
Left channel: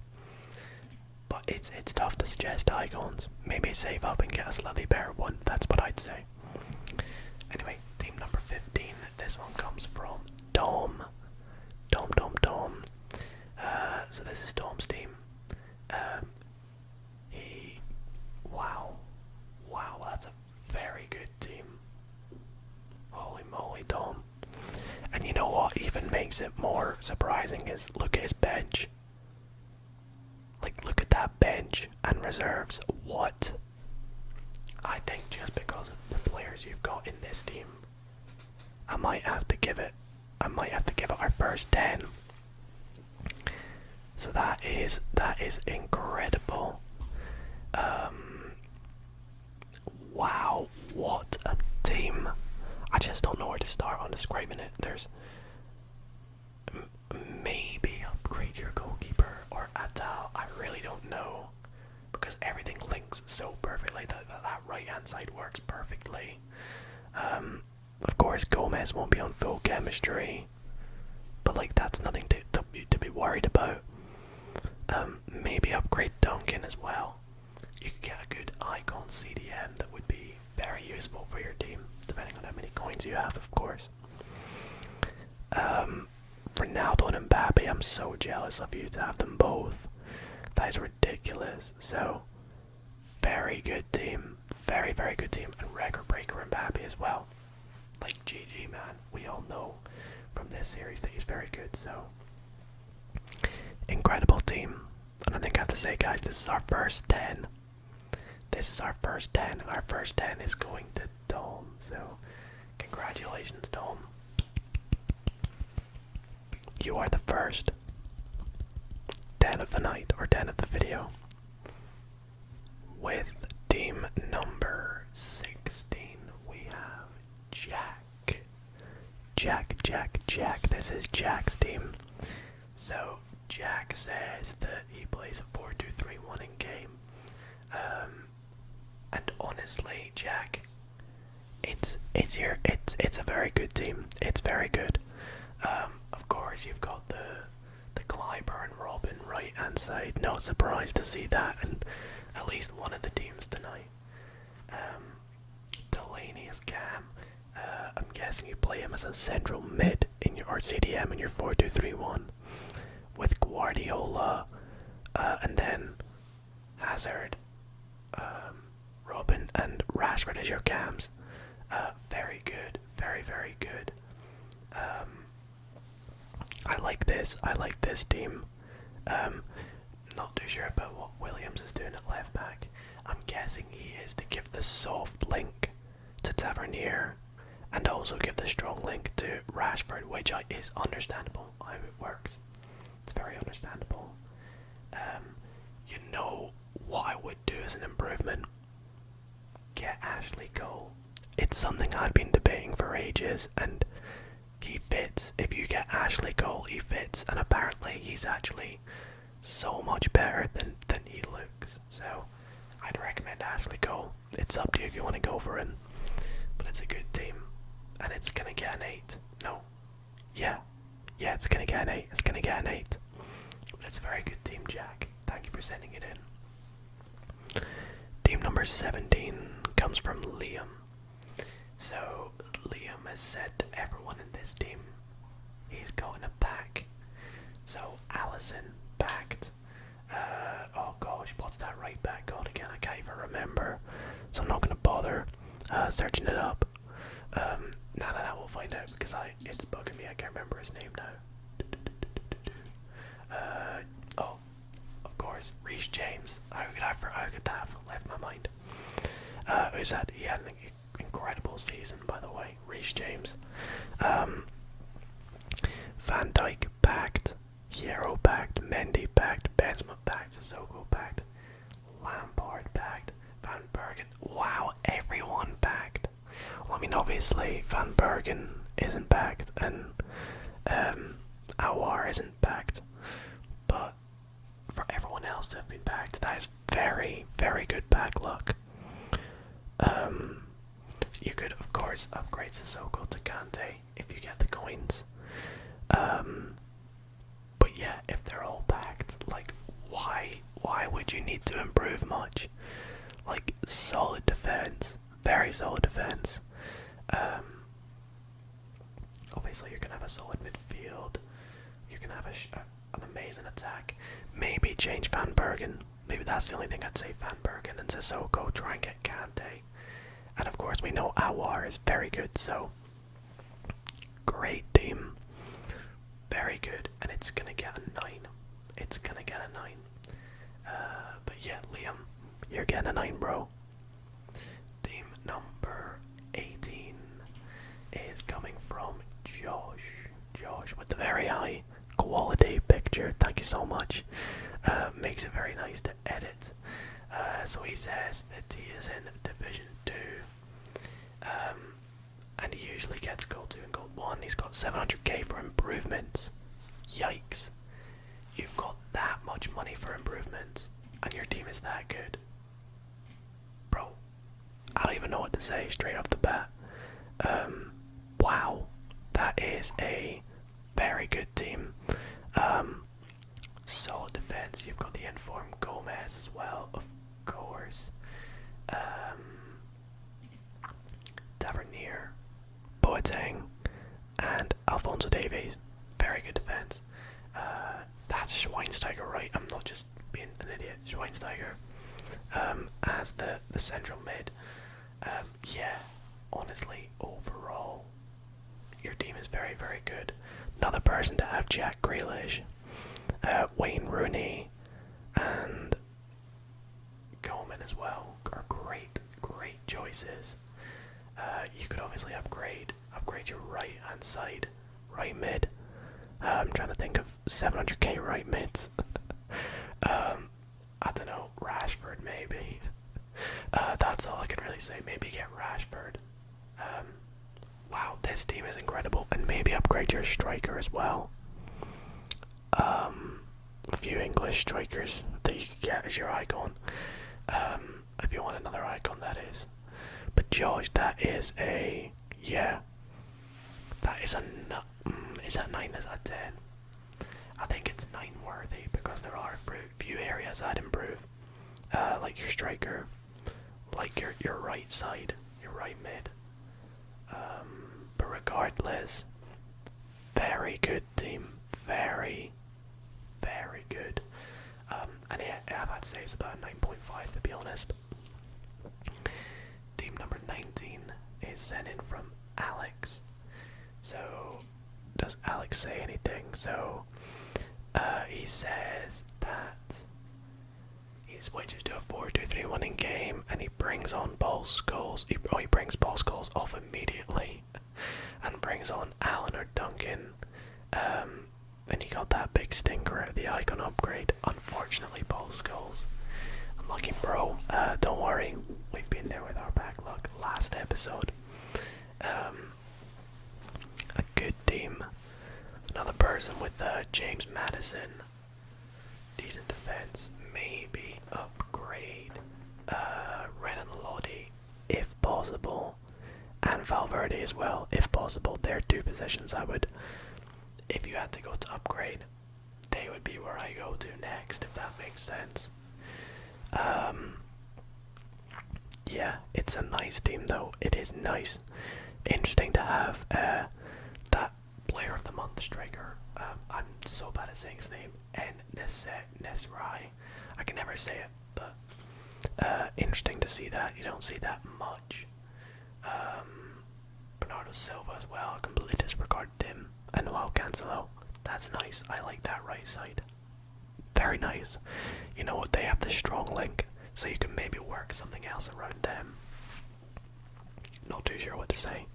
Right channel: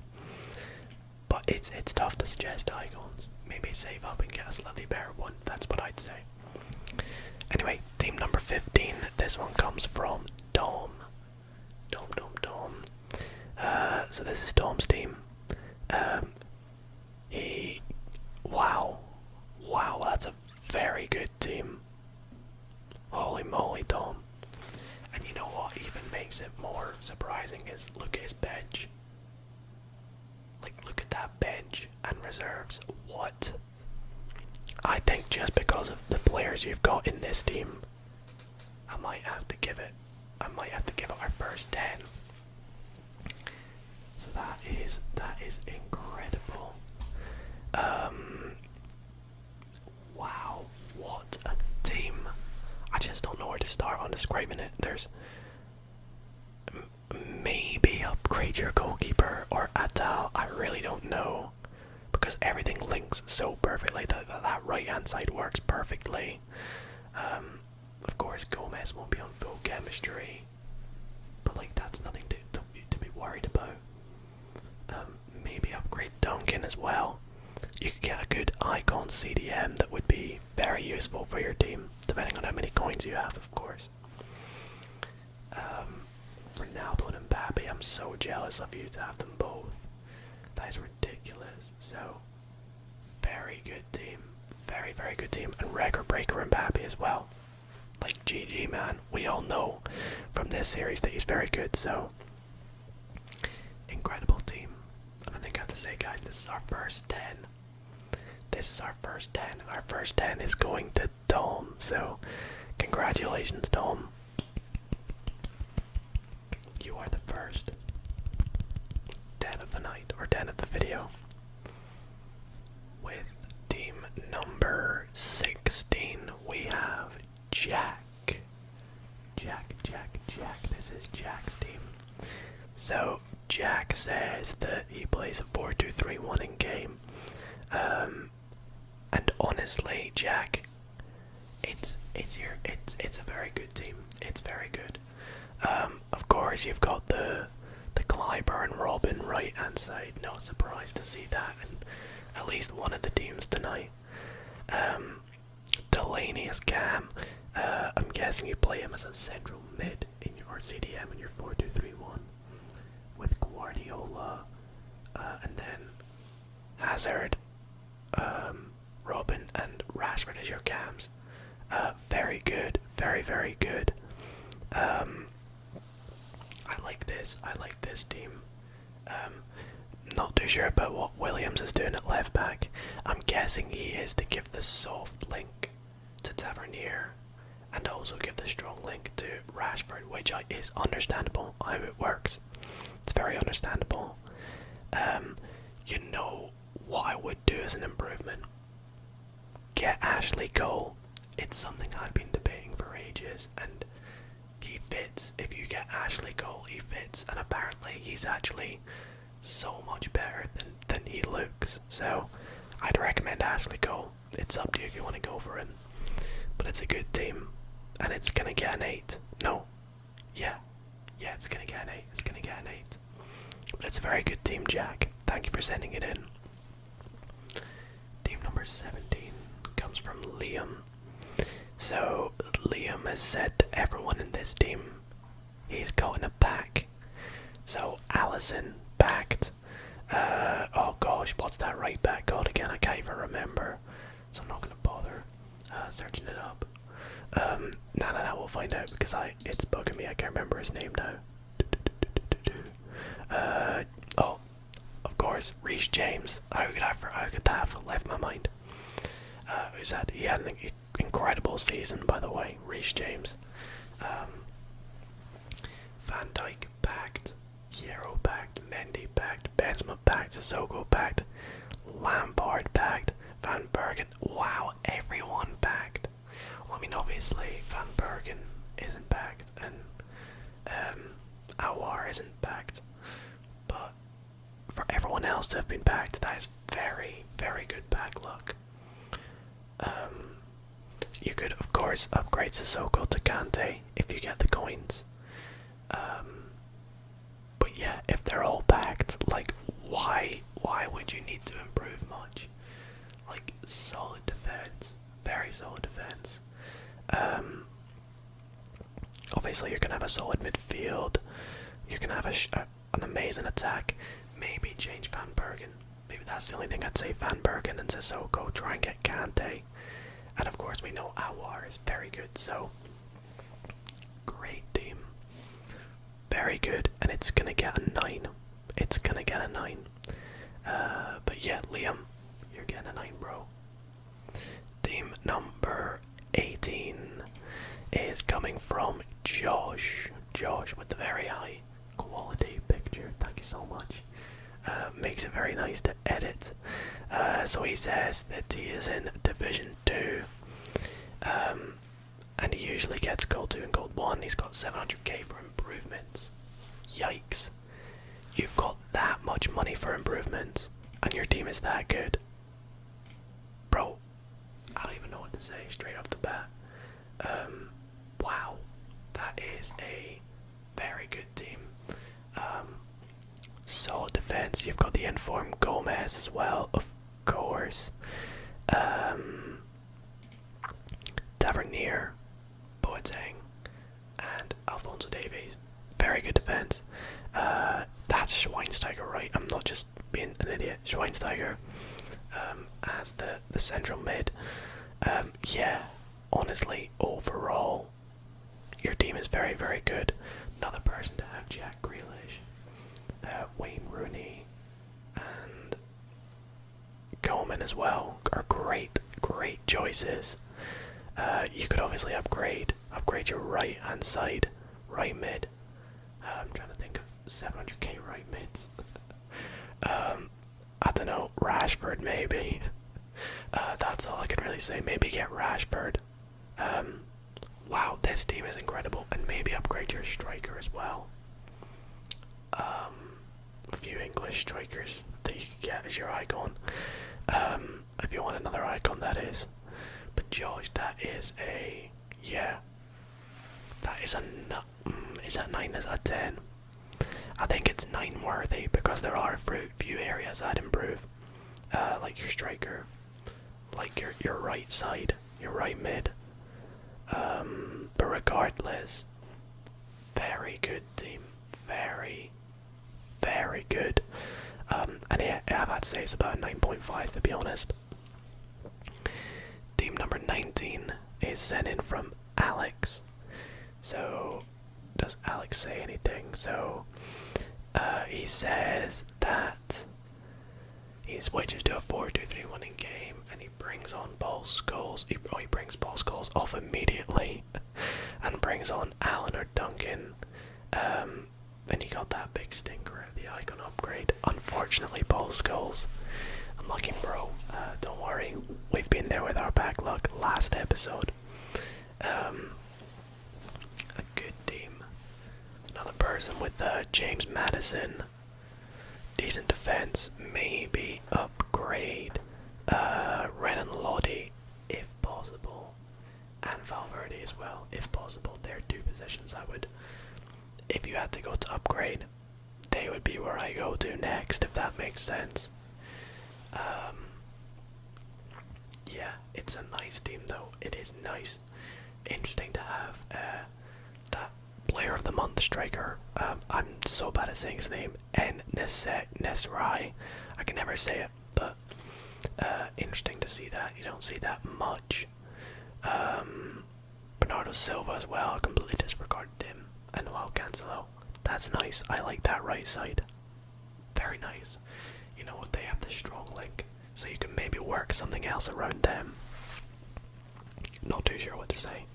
But it's tough to suggest icons. Maybe save up and get a slightly better one. That's what I'd say. Anyway, team number 15. This one comes from Dom. Dom. So this is Dom's team. Wow, that's a very good team. Holy moly, Dom. And you know what even makes it more surprising is look at his bench. Like, look at that bench and reserves. What? I think just because of the players you've got in this team, I might have to give it our first 10. So that is incredible. Wow, what a team. I just don't know where to start on describing it. There's maybe upgrade your goalkeeper or Atal. I really don't know, because everything links so perfectly. That right hand side works perfectly. Of course, Gomez won't be on full chemistry, but like that's nothing to be worried about. Maybe upgrade Duncan as well. You could get a good icon CDM that would be very useful for your team, depending on how many coins you have, of course. Ronaldo and Mbappe, I'm so jealous of you to have them both. That is ridiculous. So, very good team. Very, very good team. And record breaker Mbappe as well. Like, GG, man. We all know from this series that he's very good, so incredible team. And I think I have to say, guys, this is our first 10. This is our first 10. Our first 10 is going to Dom. So, congratulations, Dom. You are the first 10 of the night, or 10 of the video. With team number 16, we have Jack. Jack. This is Jack's team. So, Jack says that he plays a 4-2-3-1 in game. And honestly, Jack, it's a very good team. It's very good. Of course, you've got the Clyburn and Robin right hand side. Not surprised to see that in at least one of the teams tonight. Delaney is Cam. I'm guessing you play him as a central mid in your or CDM in your 4-2-3-1 with Guardiola, and then Hazard, Robin, and Rashford as your cams. Very good, very good. I like this team. Not too sure about what Williams is doing at left back. I'm guessing he is to give the soft link to Tavernier and also give the strong link to Rashford, which is understandable how it works. It's very understandable. You know what I would do as an improvement? Get Ashley Cole. It's something I've been debating for ages, and he fits. If you get Ashley Cole, he fits, and apparently he's actually so much better than he looks. So I'd recommend Ashley Cole. It's up to you if you want to go for him, but it's a good team, and it's gonna get an 8. No, yeah, it's gonna get an 8. It's gonna get an 8. But it's a very good team, Jack. Thank you for sending it in. Team number 17 comes from Liam. So Liam has said that everyone in this team he's got in a pack. So Allison packed. Oh gosh, what's that right back called again? I can't even remember. So I'm not gonna bother searching it up. No, we'll find out because it's bugging me. I can't remember his name now. Oh, of course, Reece James. How could that have left my mind? He had an incredible season, by the way. Reece James. Van Dijk packed, Hierro packed, Mendy packed, Benzema packed, Sissoko packed, Lampard packed, Van Bergen. Wow, everyone packed. Well, I mean, obviously, Van Bergen isn't packed, and Aouar isn't packed. But for everyone else to have been packed, that is very, very good pack luck. You could, of course, upgrade Sissoko to Kante if you get the coins. But yeah, if they're all packed, like, why would you need to improve much? Like, solid defense, very solid defense. Obviously, you're gonna have a solid midfield. You're gonna have an amazing attack. Maybe change Van Bergen. Maybe that's the only thing I'd say. Van Bergen and Sissoko. Try and get Kante. And of course, we know Aouar is very good. So, great team. Very good, and it's gonna get a 9. It's gonna get a 9. But yeah, Liam, you're getting a 9, bro. Team number 18 is coming from Josh. Josh with the very high quality picture. Thank you so much. Makes it very nice to edit. So he says that he is in Division 2. And he usually gets Gold 2 and Gold 1. He's got 700k for improvements. Yikes. You've got that much money for improvements, and your team is that good. Bro, I don't even know what to say straight off the bat. Wow. That is a very good team. Solid defense. You've got the informed Gomez as well, of course. Tavernier, Boateng, and Alphonso Davies. Very good defense. That's Schweinsteiger, right? I'm not just being an idiot. Schweinsteiger as the central mid. Yeah, honestly, overall, your team is very, very good. Another person to have, Jack Grealish, Wayne Rooney, and Coleman as well are great choices. You could obviously upgrade your right hand side, right mid. I'm trying to think of 700k right mids. I don't know, Rashford maybe. That's all I can really say. Maybe get Rashford. Wow, this team is incredible, and maybe upgrade your striker as well. A few English strikers that you could get as your icon. If you want another icon, that is. But Josh, that is a, yeah, that is a, is that 9, is that 10? I think it's 9 worthy, because there are a few areas I'd improve. Like your striker, like your right side, your right mid. But regardless, very good team, very good. And yeah, I've had to say it's about a 9.5 to be honest. Team number 19 is sent in from Alex. So, does Alex say anything? So, he says that he switches to a 4-2-3-1 in game, and he brings on Paul Scholes. He brings Paul Scholes off immediately, and brings on Allen or Duncan. And he got that big stinker at the icon upgrade. Unfortunately, Paul Scholes. Unlucky, bro. Don't worry, we've been there with our backlog last episode. A good team. Another person with James Madison. Decent defense. Maybe upgrade Renan Lodi if possible. And Valverde as well if possible. They're two positions I would, if you had to go to upgrade, they would be where I go to next, if that makes sense. Yeah, it's a nice team though. It is nice. Interesting to have that player of the month striker. I'm so bad at saying his name. Nesrai. I can never say it, but interesting to see that. You don't see that much. Bernardo Silva as well. I completely disregarded him. And Noel Cancelo. That's nice. I like that right side. Very nice. You know what? They have the strong link, so you can maybe work something else around them. Not too sure what to say.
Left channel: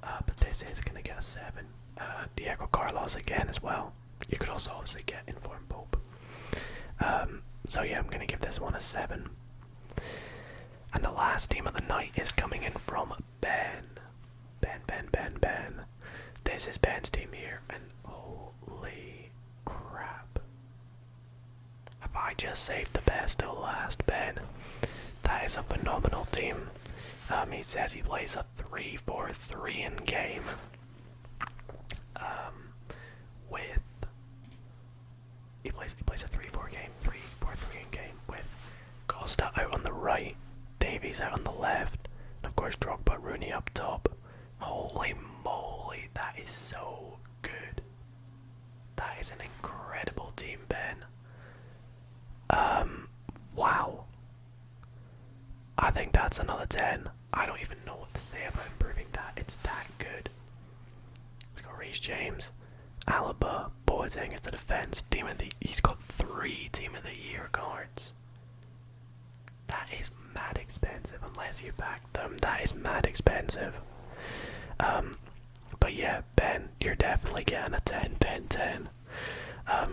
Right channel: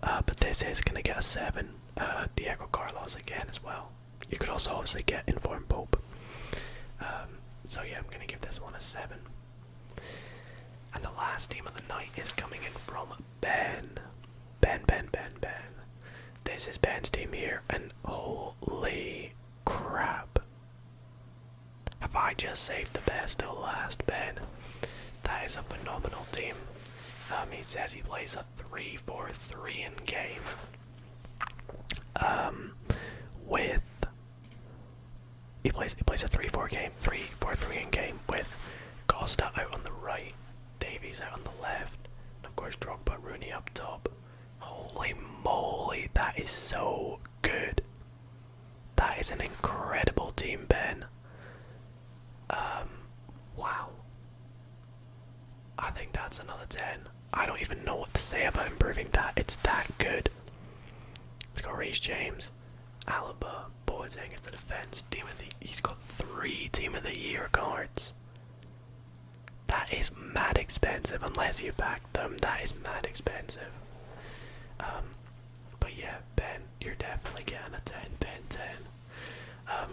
But this is going to get a 7. Diego Carlos again as well. You could also obviously get Informed Pope. So yeah, I'm going to give this one a 7. And the last team of the night is coming in from Ben. Ben. This is Ben's team here, and holy crap. Have I just saved the best till last, Ben? That is a phenomenal team. He says he plays a 3-4-3 in game. He plays a 3-4 game, 3-4-3 in game with Costa out on the right, Davies out on the left, and of course Drogba, Rooney up top. Holy moly, that is so good. That is an incredible team, Ben. Wow. I think that's another 10. I don't even know what to say about improving that. It's that good. Let's go Reece James, Alaba, Boateng is the defense. He's got 3 Team of the Year cards. That is mad expensive unless you back them. That is mad expensive. But yeah, Ben, you're definitely getting a 10. Ben 10.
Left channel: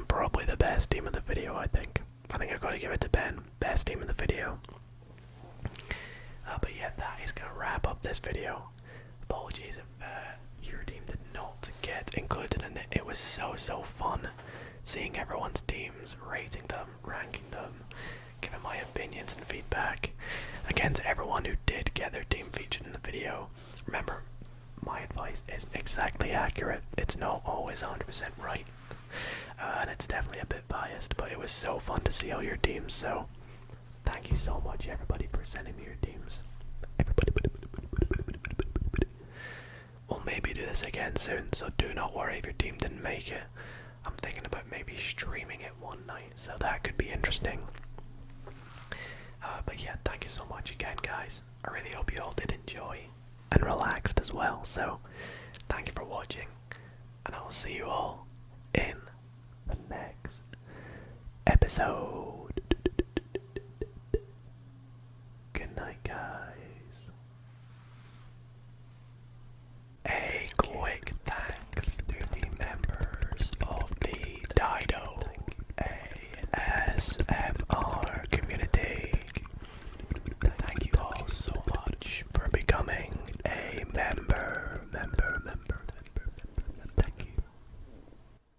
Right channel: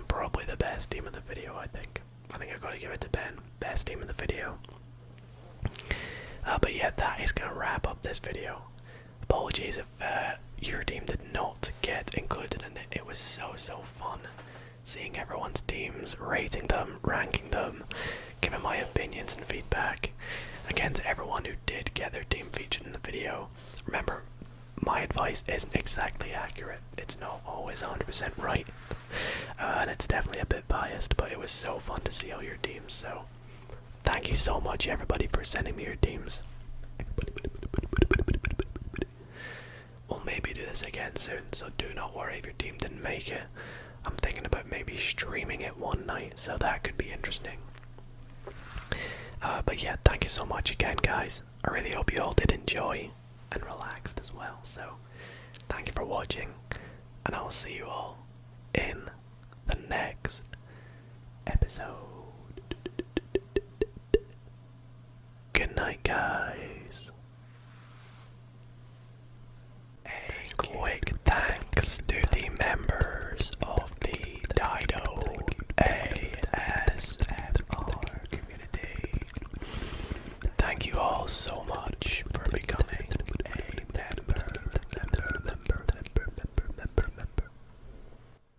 Probably the best team of the video, I think. I think I've got to give it to Ben. Best team in the video. But yeah, that is going to wrap up this video. Apologies if your team did not get included in it. It was so fun seeing everyone's teams, rating them, ranking them, giving my opinions and feedback. Again, to everyone who did get their team featured in the video, remember, my advice isn't exactly accurate. It's not always 100% right. And it's definitely a bit biased, but it was so fun to see all your teams, so thank you so much, everybody, for sending me your teams. We'll maybe do this again soon, so do not worry if your team didn't make it. I'm thinking about maybe streaming it one night, so that could be interesting. But yeah, thank you so much again, guys. I really hope you all did enjoy and relaxed as well, so thank you for watching, and I will see you all in the next episode.